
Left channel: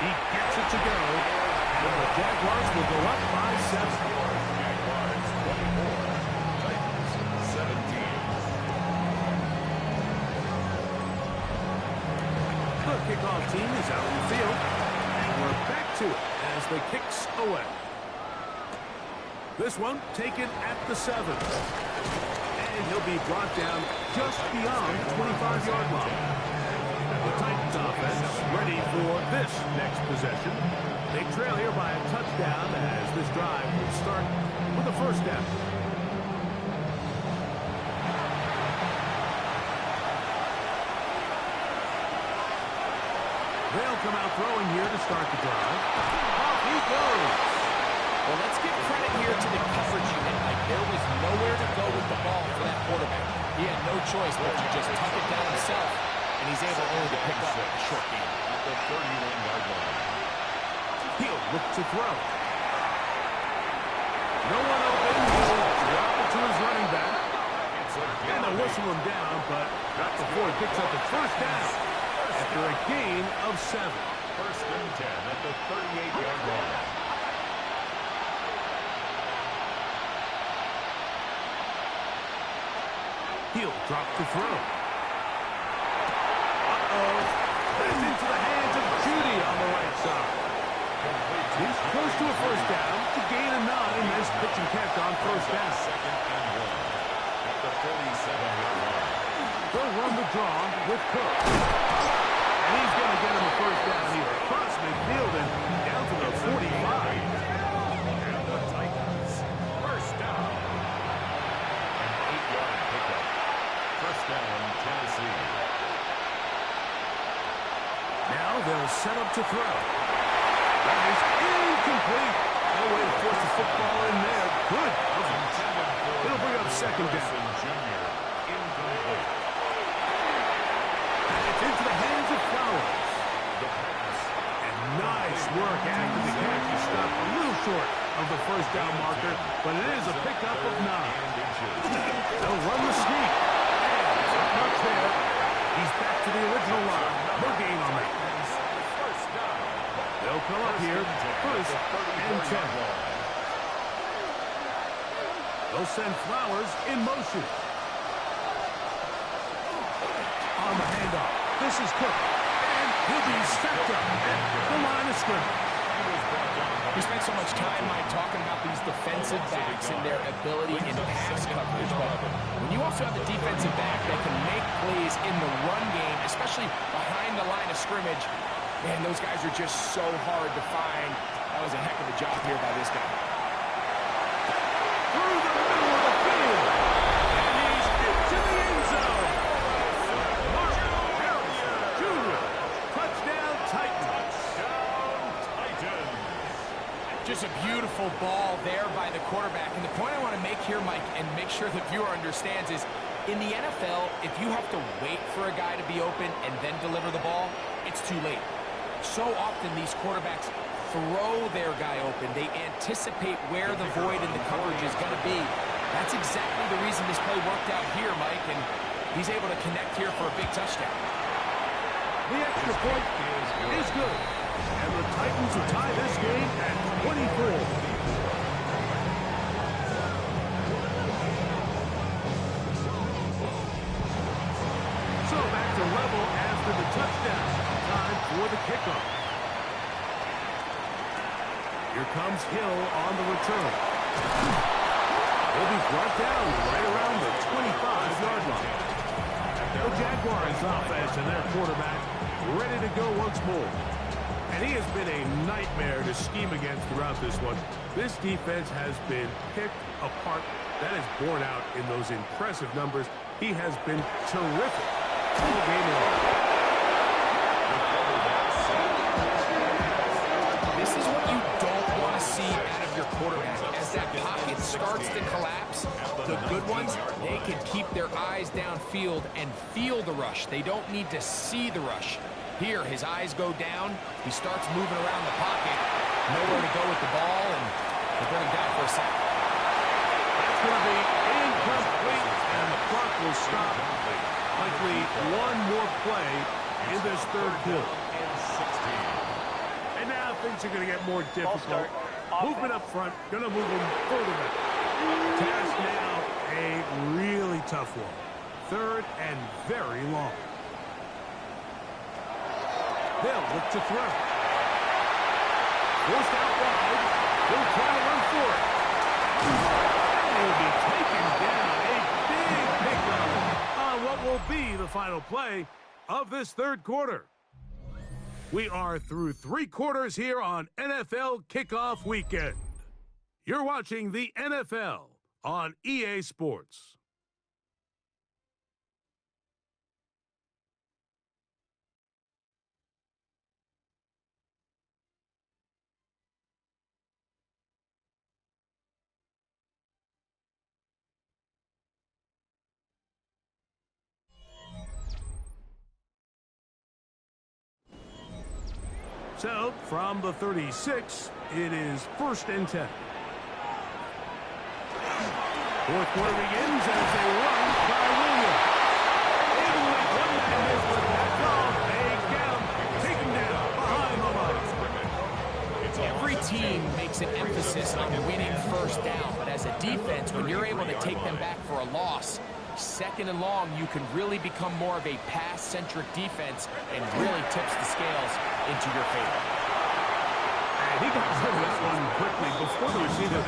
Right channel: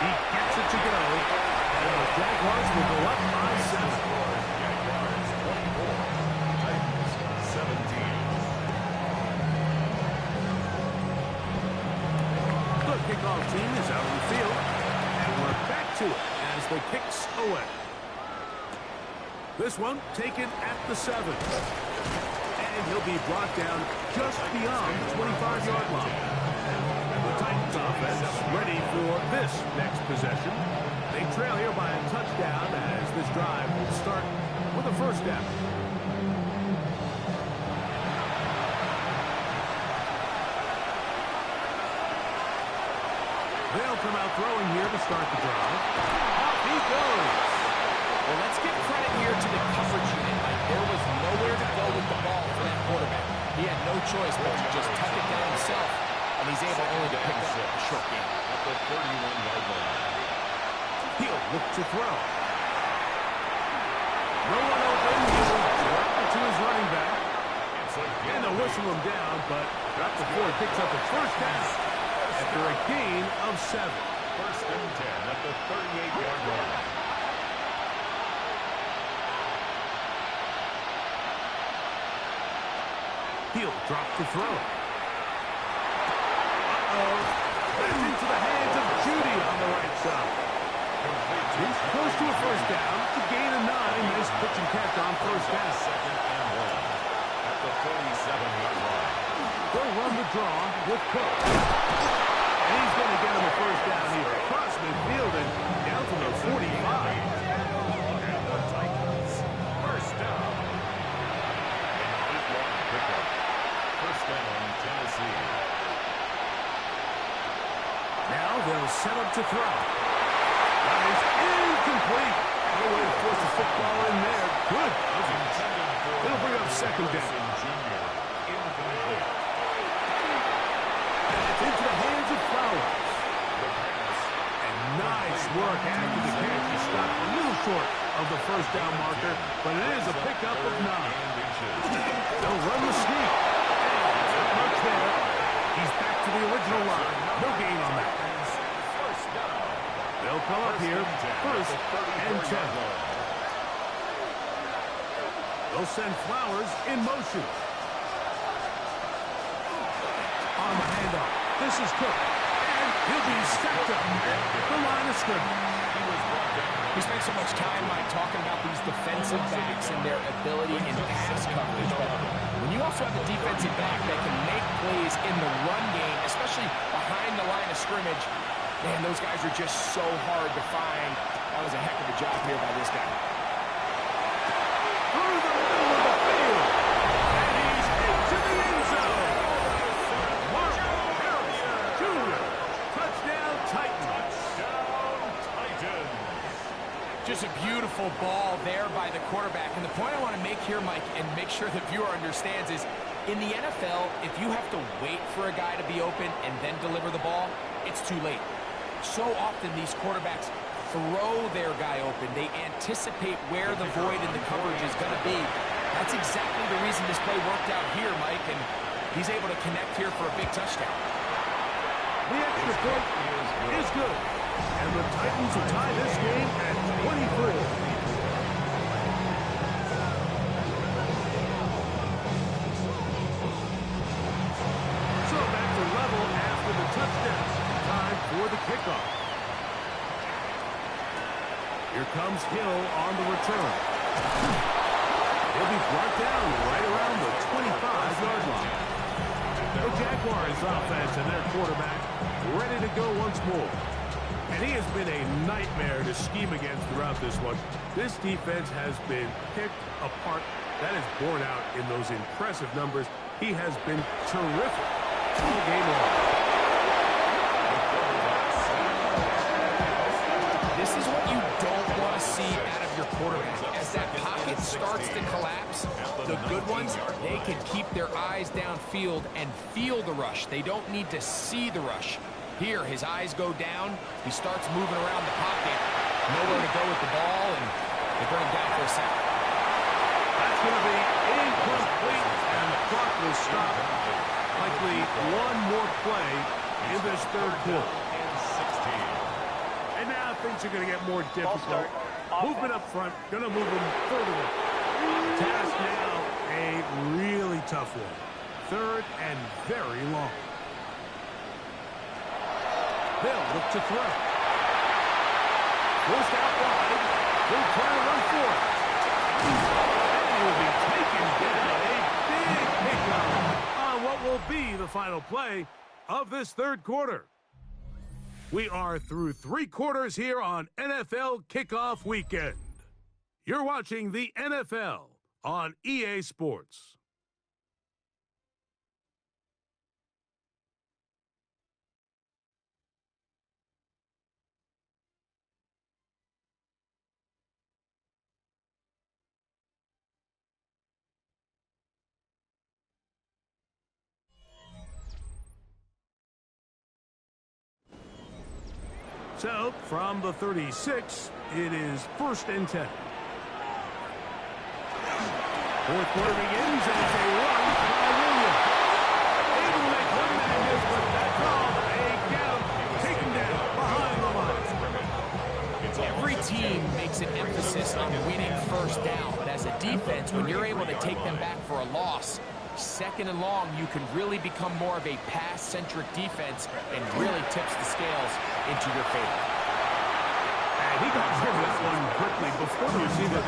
He gets it to go, and the Jaguars will go up by 7. Jaguars 24, Titans 17. The kickoff team is out on the field, and we're back to it as the kicks away. This one taken at the 7. And he'll be brought down just beyond the 25-yard line. And the Titans offense ready for this next possession. They trail here by a touchdown as this drive will start with a first down. They'll come out throwing here to start the drive. Off he goes. Well, let's give credit here to the coverage unit. Like, there was nowhere to go with the ball for that quarterback. He had no choice but to just tuck it down himself, and he's able only to pick up a short gain. At the 31-yard line. He'll look to throw. No one open. He'll drop it to his running back. And they'll whistle him down, but not before he picks up the first down after a gain of 7. 1st and 10 at the 38-yard line. He'll drop to throw. Uh-oh. That's into the hands of Judy on the right side. He's close to a first down to gain a 9. Nice pitch and catch on first down. 2nd and 1 at the 47-yard line. They'll run the draw with Cook. And he's going to get him a first down here across midfield and down to the 45. And the Titans, first down. An 8-yard pickup. First down, Tennessee. Now they'll set up to throw. That is incomplete. No way to force the football in there. Good coverage. It'll bring up 2nd down. Jr. Incomplete. And it's into the hands of Flowers. The pass. And nice work after the catch. He stopped a little short of the first down marker, but it is a pickup of 9. They'll run the sneak. And not much there. He's back to the original line. No gain on that. First down. They'll come up here, 1st and 10. They'll send Flowers in motion. On the handoff. This is Cook. And he'll be stepped up at the line of scrimmage. We spent so much time, Mike, talking about these defensive backs and their ability in pass coverage, but when you also have a defensive back that can make plays in the run game, especially behind the line of scrimmage, Man, those guys are just so hard to find. That was a heck of a job here by this guy. Through the middle of the field. And he's into the end zone. Marvin Harrison Jr. Touchdown Titans. Touchdown Titans. Just a beautiful ball there by the quarterback. And the point I want to make here, Mike, and make sure the viewer understands is, in the NFL, if you have to wait for a guy to be open and then deliver the ball, it's too late. So often these quarterbacks throw their guy open. They anticipate where the void in the coverage is going to be. That's exactly the reason this play worked out here, Mike, and he's able to connect here for a big touchdown. The extra point is good. And the Titans will tie this game at 24. So back to level after the touchdown. Time for the kickoff. Here comes Hill on the return. He'll be brought down right around the 25-yard line. The Jaguars offense and their quarterback ready to go once more. And he has been a nightmare to scheme against throughout this one. This defense has been picked apart. That is borne out in those impressive numbers. He has been terrific all game long. This is what you don't want to see out of your quarterback. As that pocket starts to collapse, the good ones, they can keep their eyes downfield and feel the rush. They don't need to see the rush. Here, his eyes go down. He starts moving around the pocket. Nowhere to go with the ball, and they bring him down for a sack. That's going to be incomplete, and the clock will stop. Likely one more play in this third quarter. And now things are going to get more difficult. Movement up front, going to move them further back. Task now a really tough one. Third and very long. They'll look to throw. Forced out wide. He'll try to run for it. And he will be taken down. A big pickup on what will be the final play of this third quarter. We are through 3 quarters here on NFL Kickoff Weekend. You're watching the NFL on EA Sports. So, from the 36, it is 1st and 10. Fourth quarter begins as a run by Williams. Able to make one man miss, but that's all. They get him, taken down behind the line. Every team makes an emphasis on winning first down, but as a defense, when you're able to take them back for a loss, 2nd and long, you can really become more of a pass-centric defense and really tips the scales into your favor. And he got rid of that one quickly before the receiver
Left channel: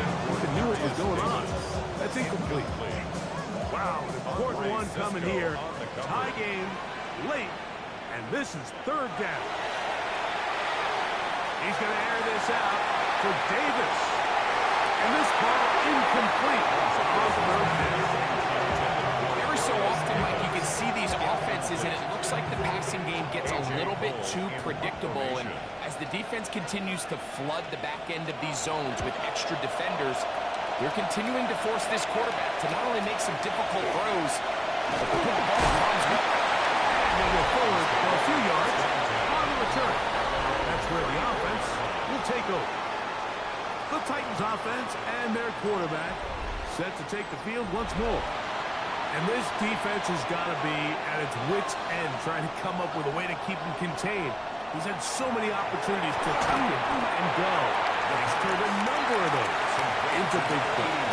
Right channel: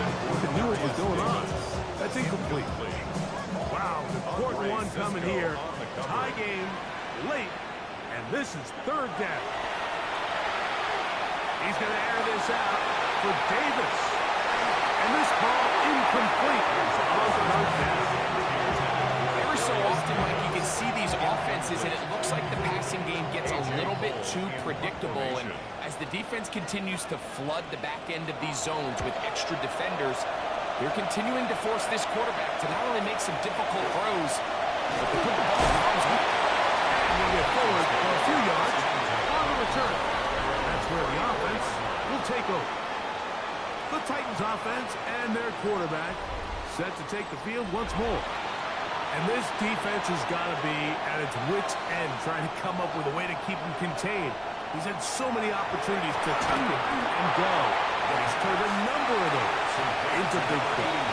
knew what was going on. That's incomplete. Wow, an important one coming here. Tie game, late, and this is 3rd down. He's going to air this out for Davis. And this ball incomplete on 3rd down. Every so often, Mike, you can see these offenses, and it looks like the passing game gets a little bit too predictable. And as the defense continues to flood the back end of these zones with extra defenders, they're continuing to force this quarterback to not only make some difficult throws, but to put the ball in harm's way. And he'll get forward for a few yards on the return. That's where the offense will take over. The Titans offense and their quarterback set to take the field once more. And this defense has got to be at its wits' end, trying to come up with a way to keep him contained. He's had so many opportunities to tuck it and go, but he's turned a number of those into big plays.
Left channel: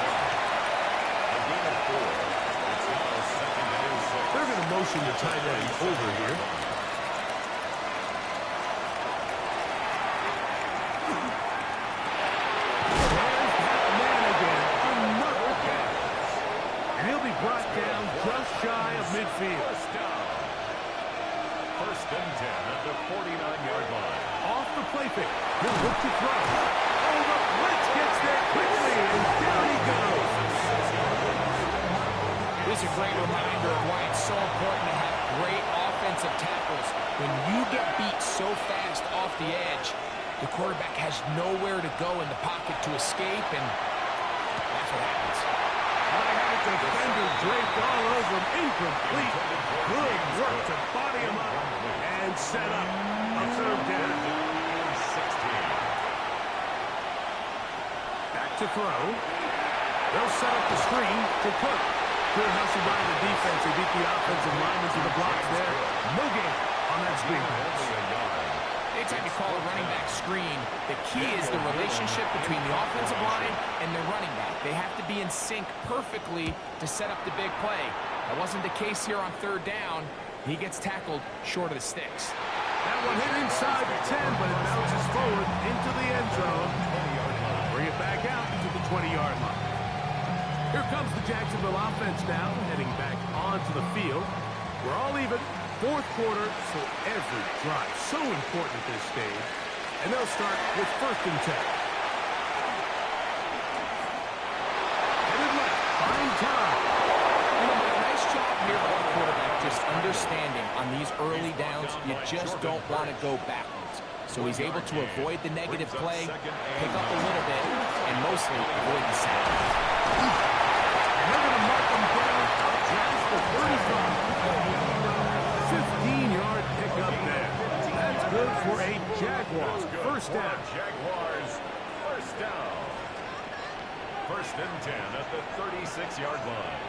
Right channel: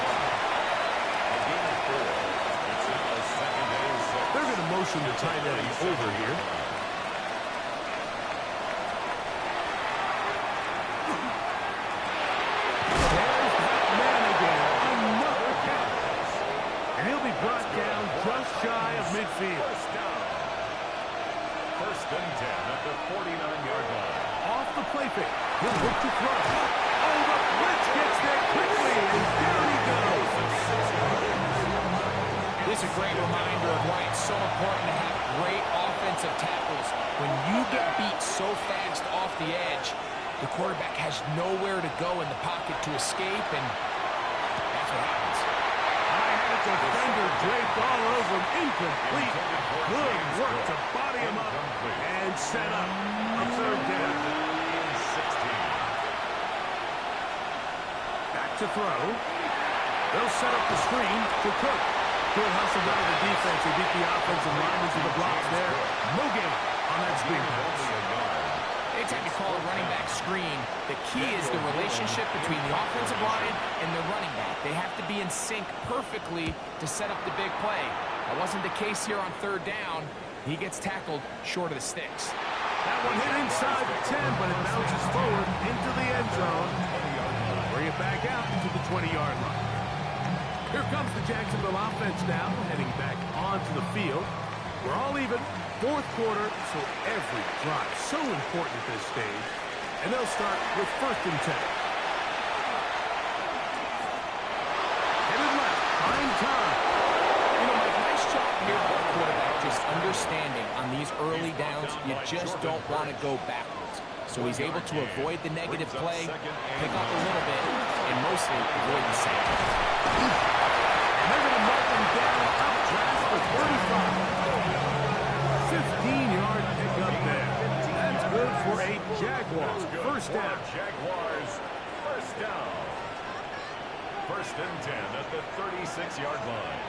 A gain of 4. It's now 2nd and 6. They're going to motion the tight end over here. There's that man again, another catch. And he'll be brought down just shy of midfield. First and 10 at the 49-yard line. Off the play fake. He'll look to throw. Oh, the blitz gets there quickly, and down he goes. This is a great reminder of why it's so important to have great offensive tackles. When you get beat so fast off the edge, the quarterback has nowhere to go in the pocket to escape, and that's what happens. I had a defender draped all over him. Incomplete. Good work to body him up and set up a third down. 16. Back to throw. They'll set up the screen to Cook. Good hustle by the defense. They beat the offensive linemen to the blocks there. No gain on that screen pass. Anytime you call a running back screen, the key is the relationship between the offensive line and the running back. They have to be in sync perfectly to set up the big play. That wasn't the case here on third down. He gets tackled short of the sticks. That one hit inside the 10, but it bounces forward into the end zone. Bring it back out to the 20-yard line. Here comes the Jacksonville offense now, heading back onto the field. We're all even. Fourth quarter, so every drive so important at this stage. And they'll start with first and 10. Headed left, find time. You know, Mike, nice job here by the quarterback, just understanding on these early downs, you just don't want to go backwards. So he's able to avoid the negative play, pick up a little bit, and mostly avoid the sack. And they're going to mark him down up past the 35. 15-yard pickup there. That's good for a Jaguars. First down. Jaguars, first down. First and 10 at the 36-yard line.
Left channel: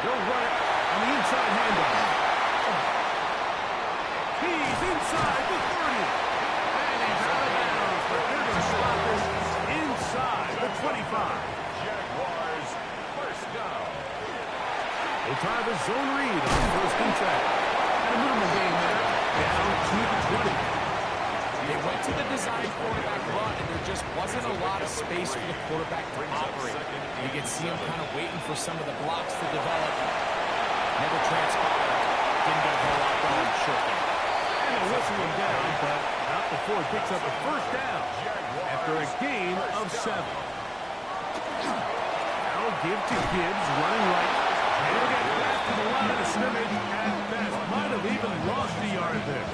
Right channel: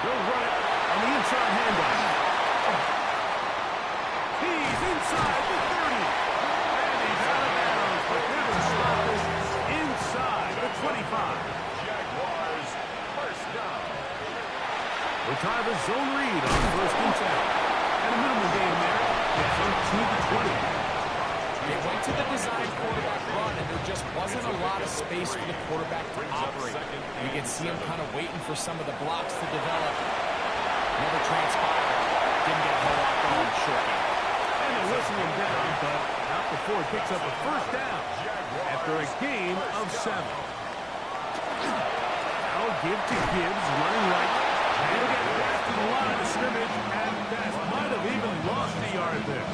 They'll run it on the inside handoff. He's inside the 30. And he's out of bounds, but they're going to stop this inside the 25. Jaguars, first down. They'll try the zone read on first and 10. And a minimal gain there, down to the 20. They went to the design quarterback run, and there just wasn't a lot of space for the quarterback to operate. You can see him kind of waiting for some of the blocks to develop. Never transpired. Didn't get a whole lot going short game. And they'll whistle him down, but not before it picks up a first down after a gain of 7. Now give to Gibbs, running right. He'll get back to the line of scrimmage at best. Might have even lost a yard there.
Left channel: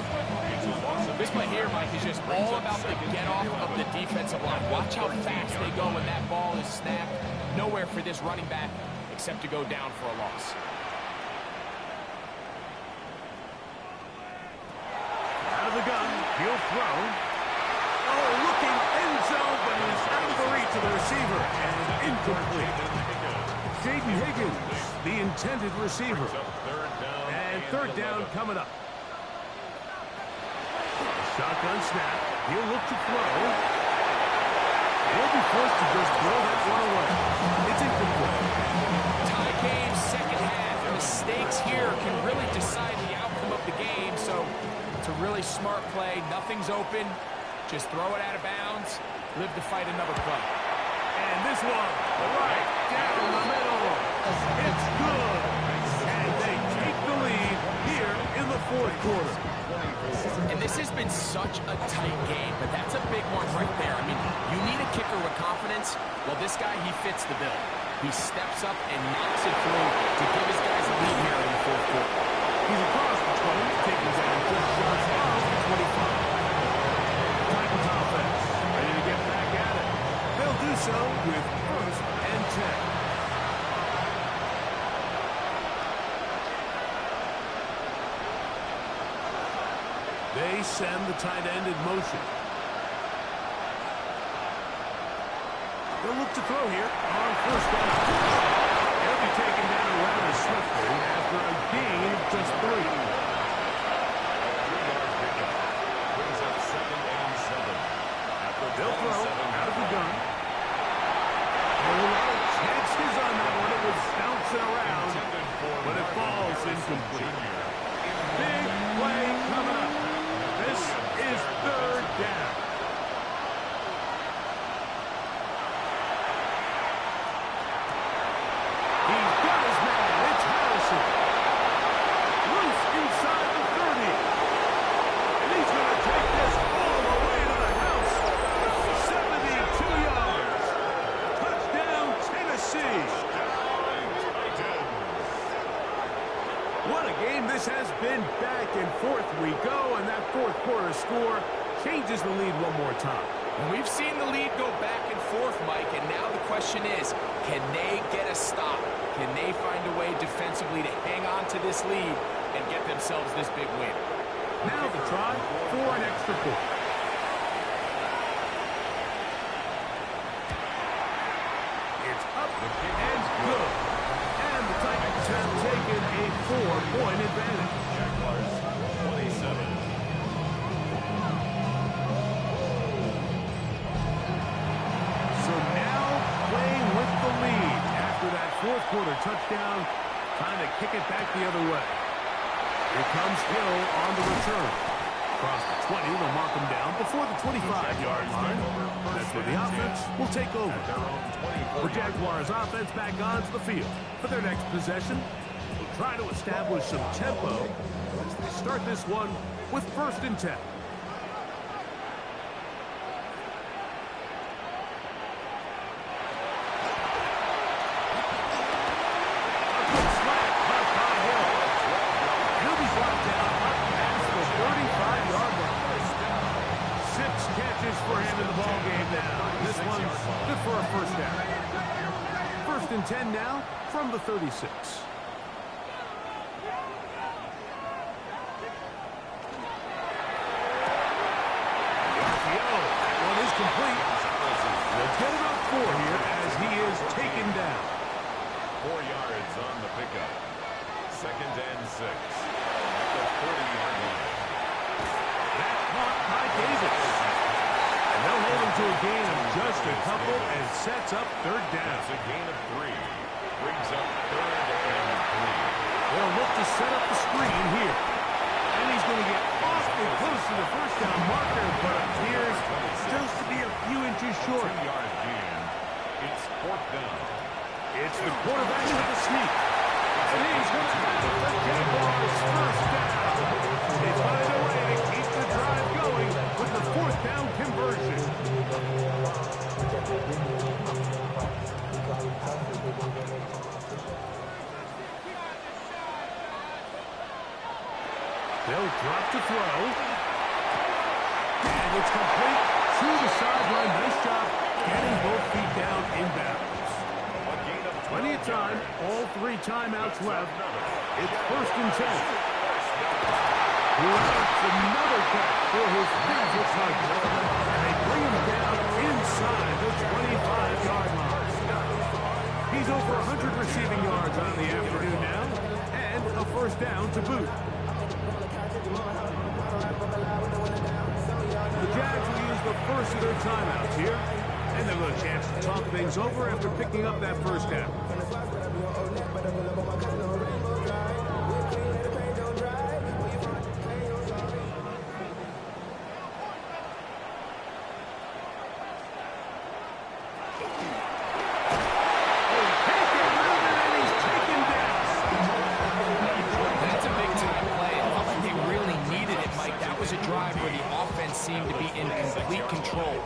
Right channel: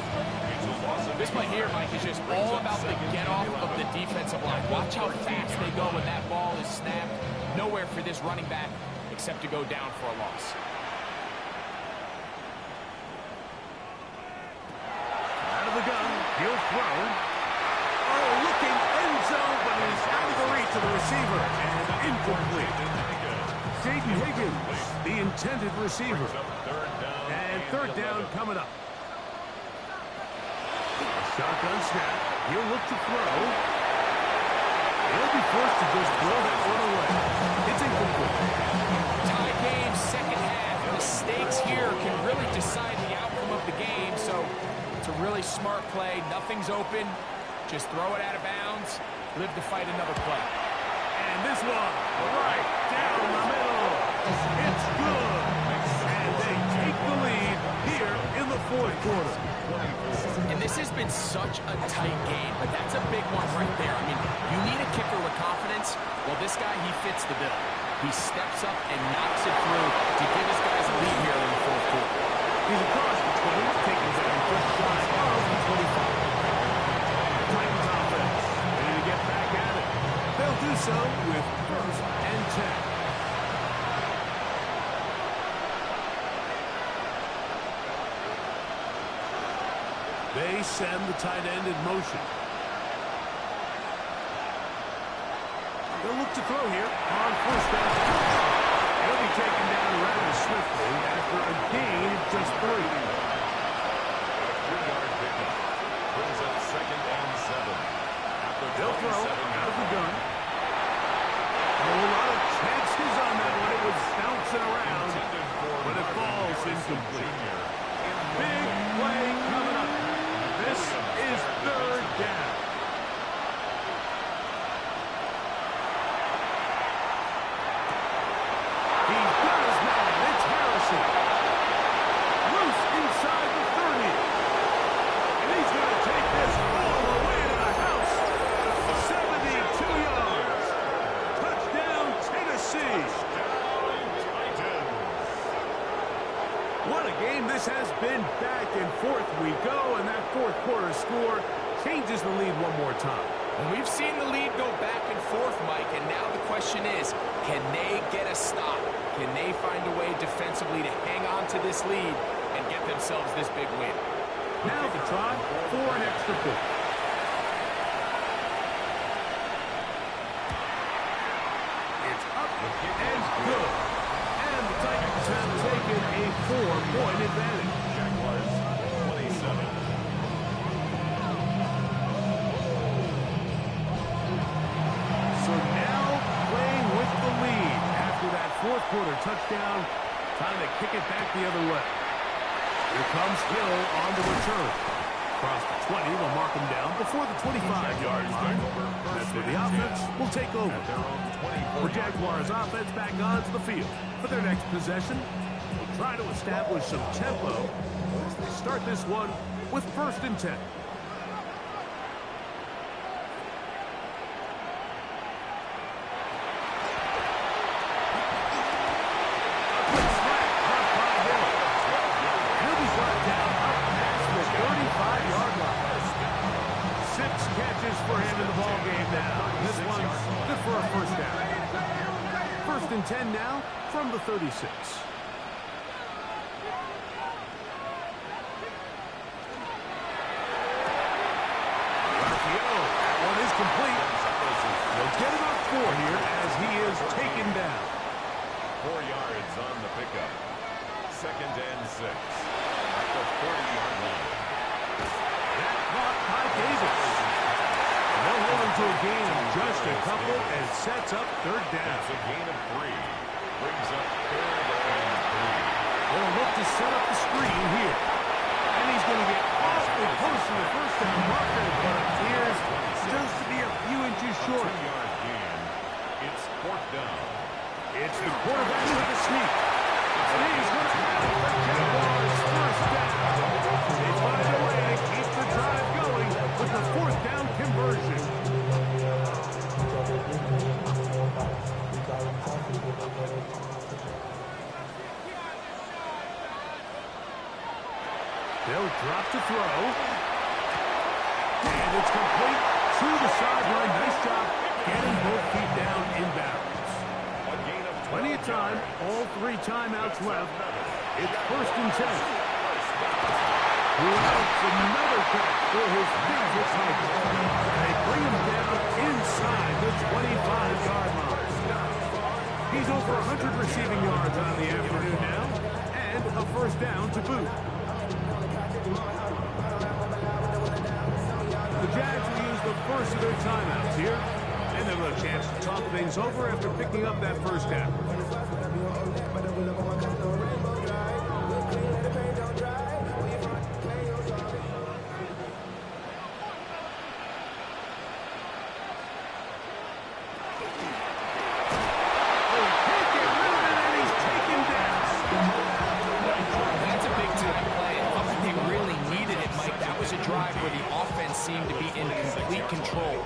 This play here, Mike, is just all about the get-off of the defensive line. Watch how fast they go when that ball is snapped. Nowhere for this running back except to go down for a loss. Out of the gun, he'll throw. Oh, looking end zone, but he's out of the reach of the receiver. And incomplete. Jaden Higgins, the intended receiver. And third down coming up. Shotgun snap. He'll look to throw. He'll be forced to just throw that one away. It's incomplete. Tie game, second half. Mistakes here can really decide the outcome of the game. So it's a really smart play. Nothing's open. Just throw it out of bounds. Live to fight another play. And this one, right down the middle. It's good. And they take the lead here in the fourth quarter. And this has been such a tight game, but that's a big one right there. I mean, you need a kicker with confidence. Well, this guy, he fits the bill. He steps up and knocks it through to give his guys a lead here in the fourth quarter. He's across the 20, taken down just shy of the 25. Titans offense, ready to get back at it. They'll do so with first and 10. They send the tight end in motion. They'll look to throw here on first down. He'll be taken down rather swiftly after a gain of just 3. A 3-yard pickup. Brings up second and 7. They'll throw out of the gun. A whole lot of chances on that one. It was bouncing around, but it falls incomplete. Big play coming up. This is third down. He's got his man. It's Harrison. Loose inside take this all the way to the house. 72 yards. Touchdown, Tennessee. What a game this has been. Back and forth we go, and that fourth quarter score changes the lead one more time. And we've seen the lead go back and forth, Mike, and now the question is, can they get a stop? Can they find a way defensively to hang on to this lead and get themselves this big win? Now the try for an extra point. It's up and good. And the Titans have taken a 4-point advantage. Jaguars 27. So now playing with the lead after that fourth quarter touchdown. Time to kick it back the other way. Here comes Hill on the return. Across the 20, they'll mark him down before the 25-yard line. That's where the offense will take over. The Jaguars offense back onto the field for their next possession. We'll try to establish some tempo as they start this one with 1st and 10. For him in the ball game now. This one's good for a 1st down. 1st and 10 now from the 36. The RPO, that one is complete. They'll get about 4 here as he is taken down. 4 yards on the pickup. 2nd and 6 at the 40-yard line. That caught by Davis. And they'll hold him to a gain of just a couple and sets up 3rd down. That's a gain of 3. Brings up 3rd and 3. They'll look to set up the screen here. And he's going to get awfully close to the 1st down marker, but appears just to be a few inches short. 2-yard gain. It's 4th down. It's the quarterback with the sneak. And he's going to have the Jaguars 1st down. They find a way to keep the drive going with the 4th down conversion. They'll drop to throw. And it's complete to the sideline. Nice job getting both feet down inbounds. Plenty of time. All 3 timeouts left. It's 1st and 10. Who else? Another catch for his favorite target. And they bring him down inside the 25-yard line. He's over 100 receiving yards on the afternoon now. And a 1st down to boot. The Jags will use the first of their timeouts here. And they'll have a chance to talk things over after picking up that 1st down. Seem to be in complete control.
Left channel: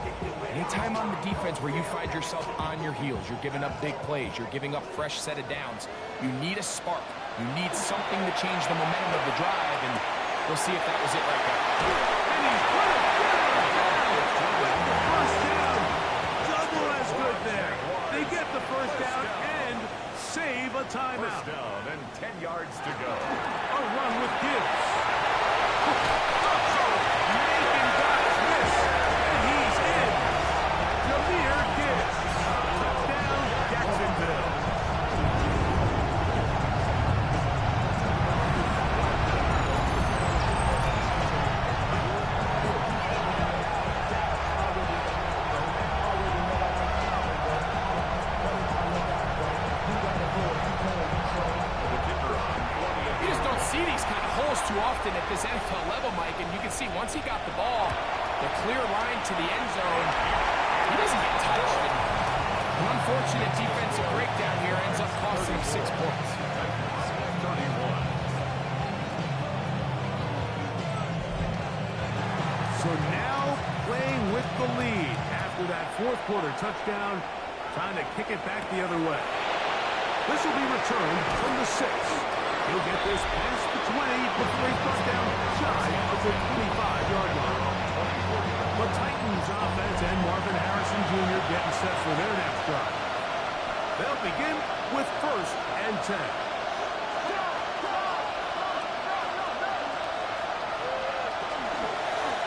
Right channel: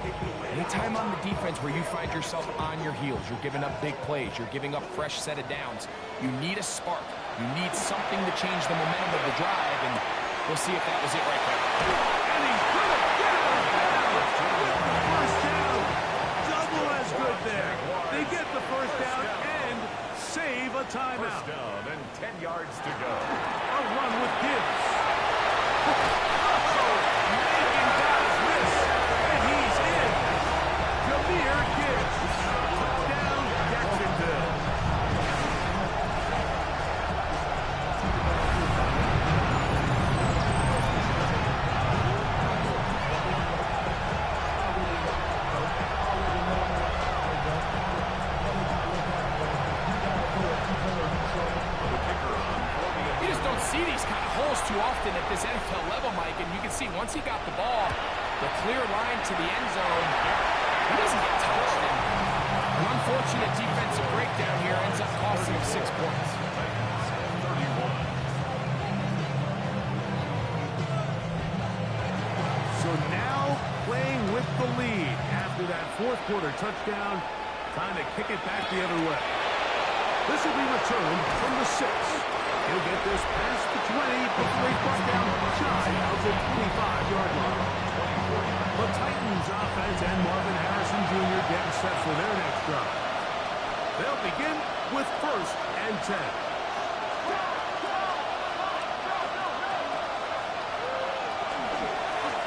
Anytime on the defense where you find yourself on your heels, you're giving up big plays, you're giving up fresh set of downs, you need a spark. You need something to change the momentum of the drive, and we'll see if that was it right there. And he's going to get it down with the 1st down. Double as good there. They get the 1st down and save a timeout. 1st down and 10 yards to go. A run with Gibbs. Making guys miss, and he's in. Jahmyr Gibbs. Touchdown, Jacksonville. See these kind of holes too often at this NFL level, Mike, and you can see once he got the ball, the clear line to the end zone, he doesn't get touched. And an unfortunate defensive breakdown here ends up costing him 6 points. 31. So now playing with the lead after that fourth quarter touchdown. Time to kick it back the other way. This will be returned from the 6. He'll get this past the 20 before he's brought down shy of the 25-yard line. The Titans offense and Marvin Harrison Jr. getting set for their next drive. They'll begin with 1st and 10.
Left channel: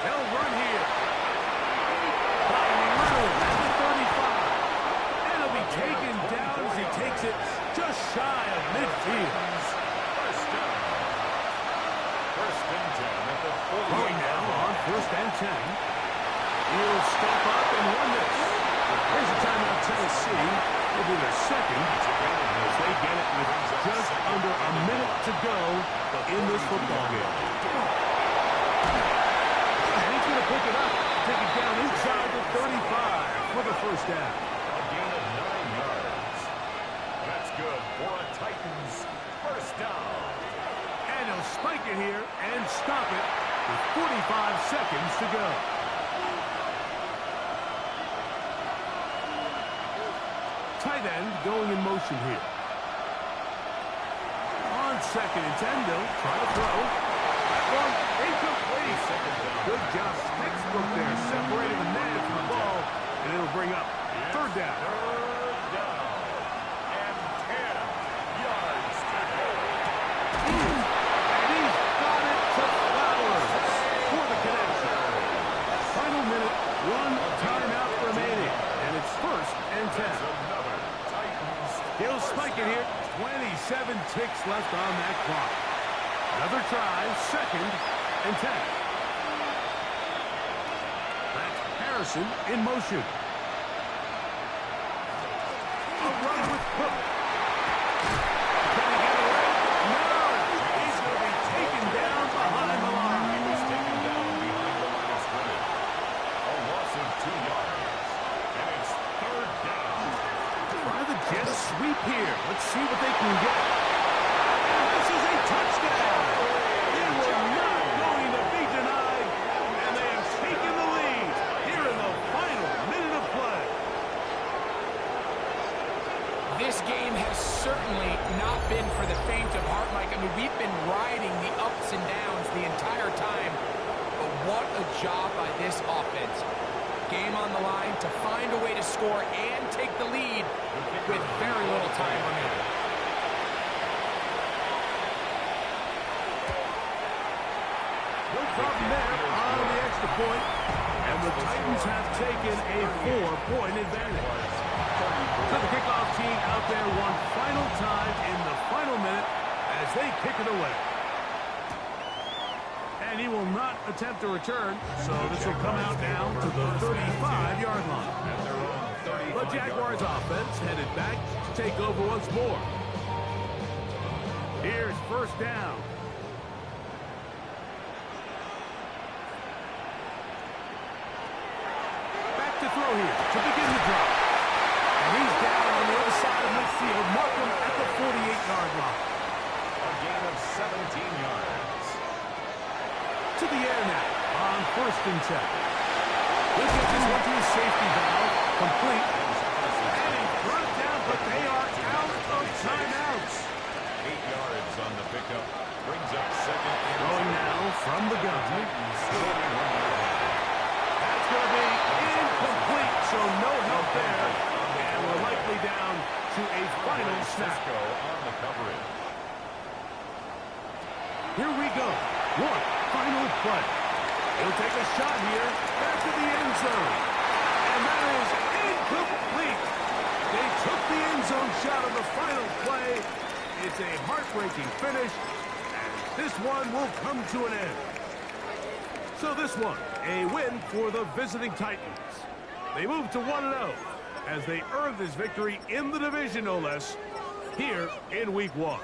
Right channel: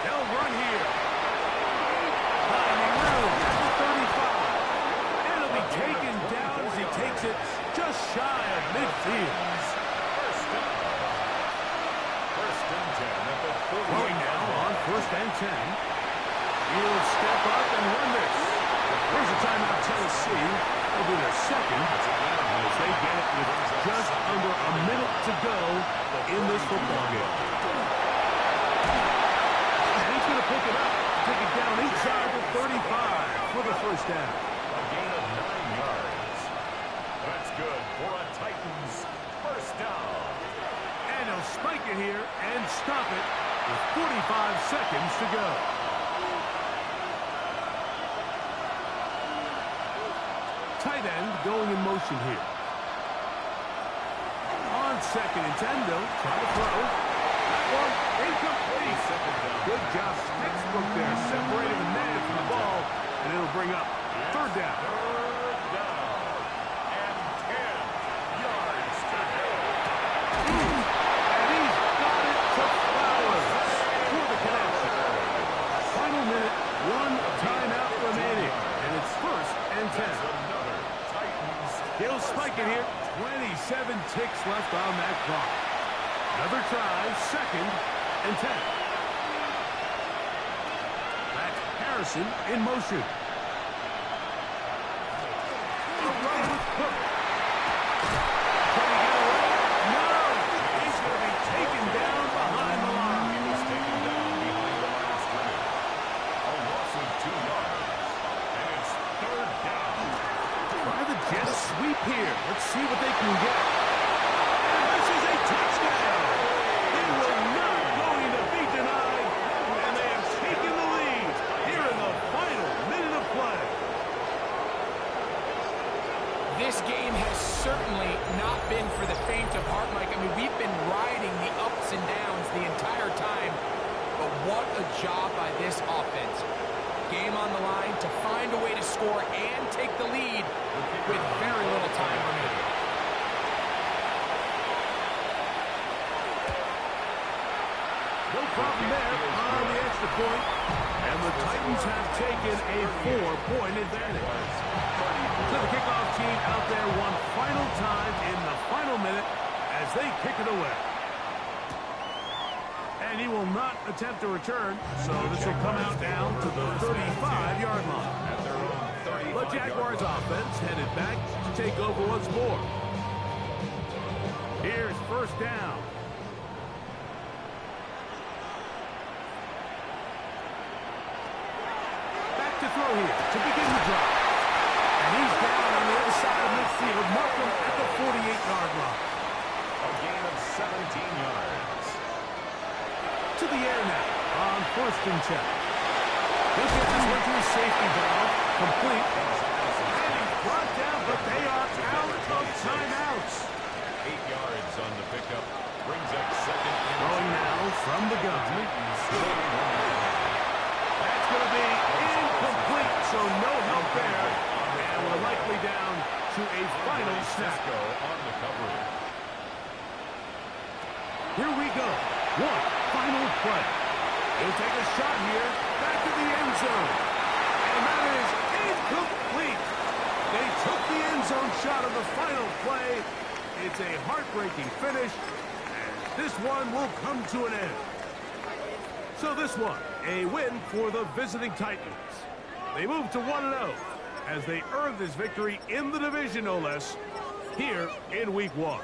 They'll run here. Finding room at the 35. And he'll be taken down as he takes it just shy of midfield. First down. 1st and 10 at the 40. Throwing now on 1st and 10. He'll step up and run this. Here's a timeout, Tennessee. It'll be their second as they get it with just under a minute to go in this football game. And he's going to pick it up, take it down inside the 35 for the 1st down. A gain of 9 yards. That's good for a Titans 1st down. And he'll spike it here and stop it with 45 seconds to go. Tight end going in motion here. On 2nd and 10, they'll try to throw. That one incomplete. Good job. Textbook there, separating the man from the ball, and it'll bring up 3rd down. 3rd down. And 10 yards to go. And he's got it to Flowers for the connection. Final minute, 1 timeout remaining, and it's 1st and 10. Another Titans. He'll spike it here. 27 ticks left on that clock. Another try, 2nd and 10. That's Harrison in motion. A run with Cook. Can he get away? No! He's going to be taken down behind the line. He was taken down behind the line of scrimmage. A loss of 2 yards. And it's 3rd down. Try the Jets sweep here. Let's see what they can get. And this is a touchdown. They were not going to be denied. And they have taken the lead here in the final minute of play. This game has certainly not been for the faint of heart, Mike. I mean, we've been riding the ups and downs the entire time. But what a job by this offense. Game on the line to find a way to score and take the lead with very little time remaining. No problem there on the extra point. And the Titans have taken a 4-point advantage. So the kickoff team out there one final time in the final minute as they kick it away. And he will not attempt to return, so this will come out down to the 35-yard line. At their own 35-yard The Jaguars offense headed back to take over once more. Here's 1st down. Back to throw here to begin the drive. And he's down on the other side of midfield. Mark him at the 48-yard line. A gain of 17 yards. To the air now on 1st and 10. He'll get this one to his safety valve. Complete. And he's brought down, but they are out of timeouts. 8 yards on the pickup. Brings up 2nd and Throwing now from the gun. That's going to be incomplete, so no help there. And we're likely down to a final snap. on the coverage. Here we go. One final play. He'll take a shot here. Back to the end zone. And that is incomplete. They took the end zone shot on the final play. It's a heartbreaking finish. And this one will come to an end. So this one, a win for the visiting Titans. They move to 1-0 as they earn this victory in the division, no less, here in Week 1.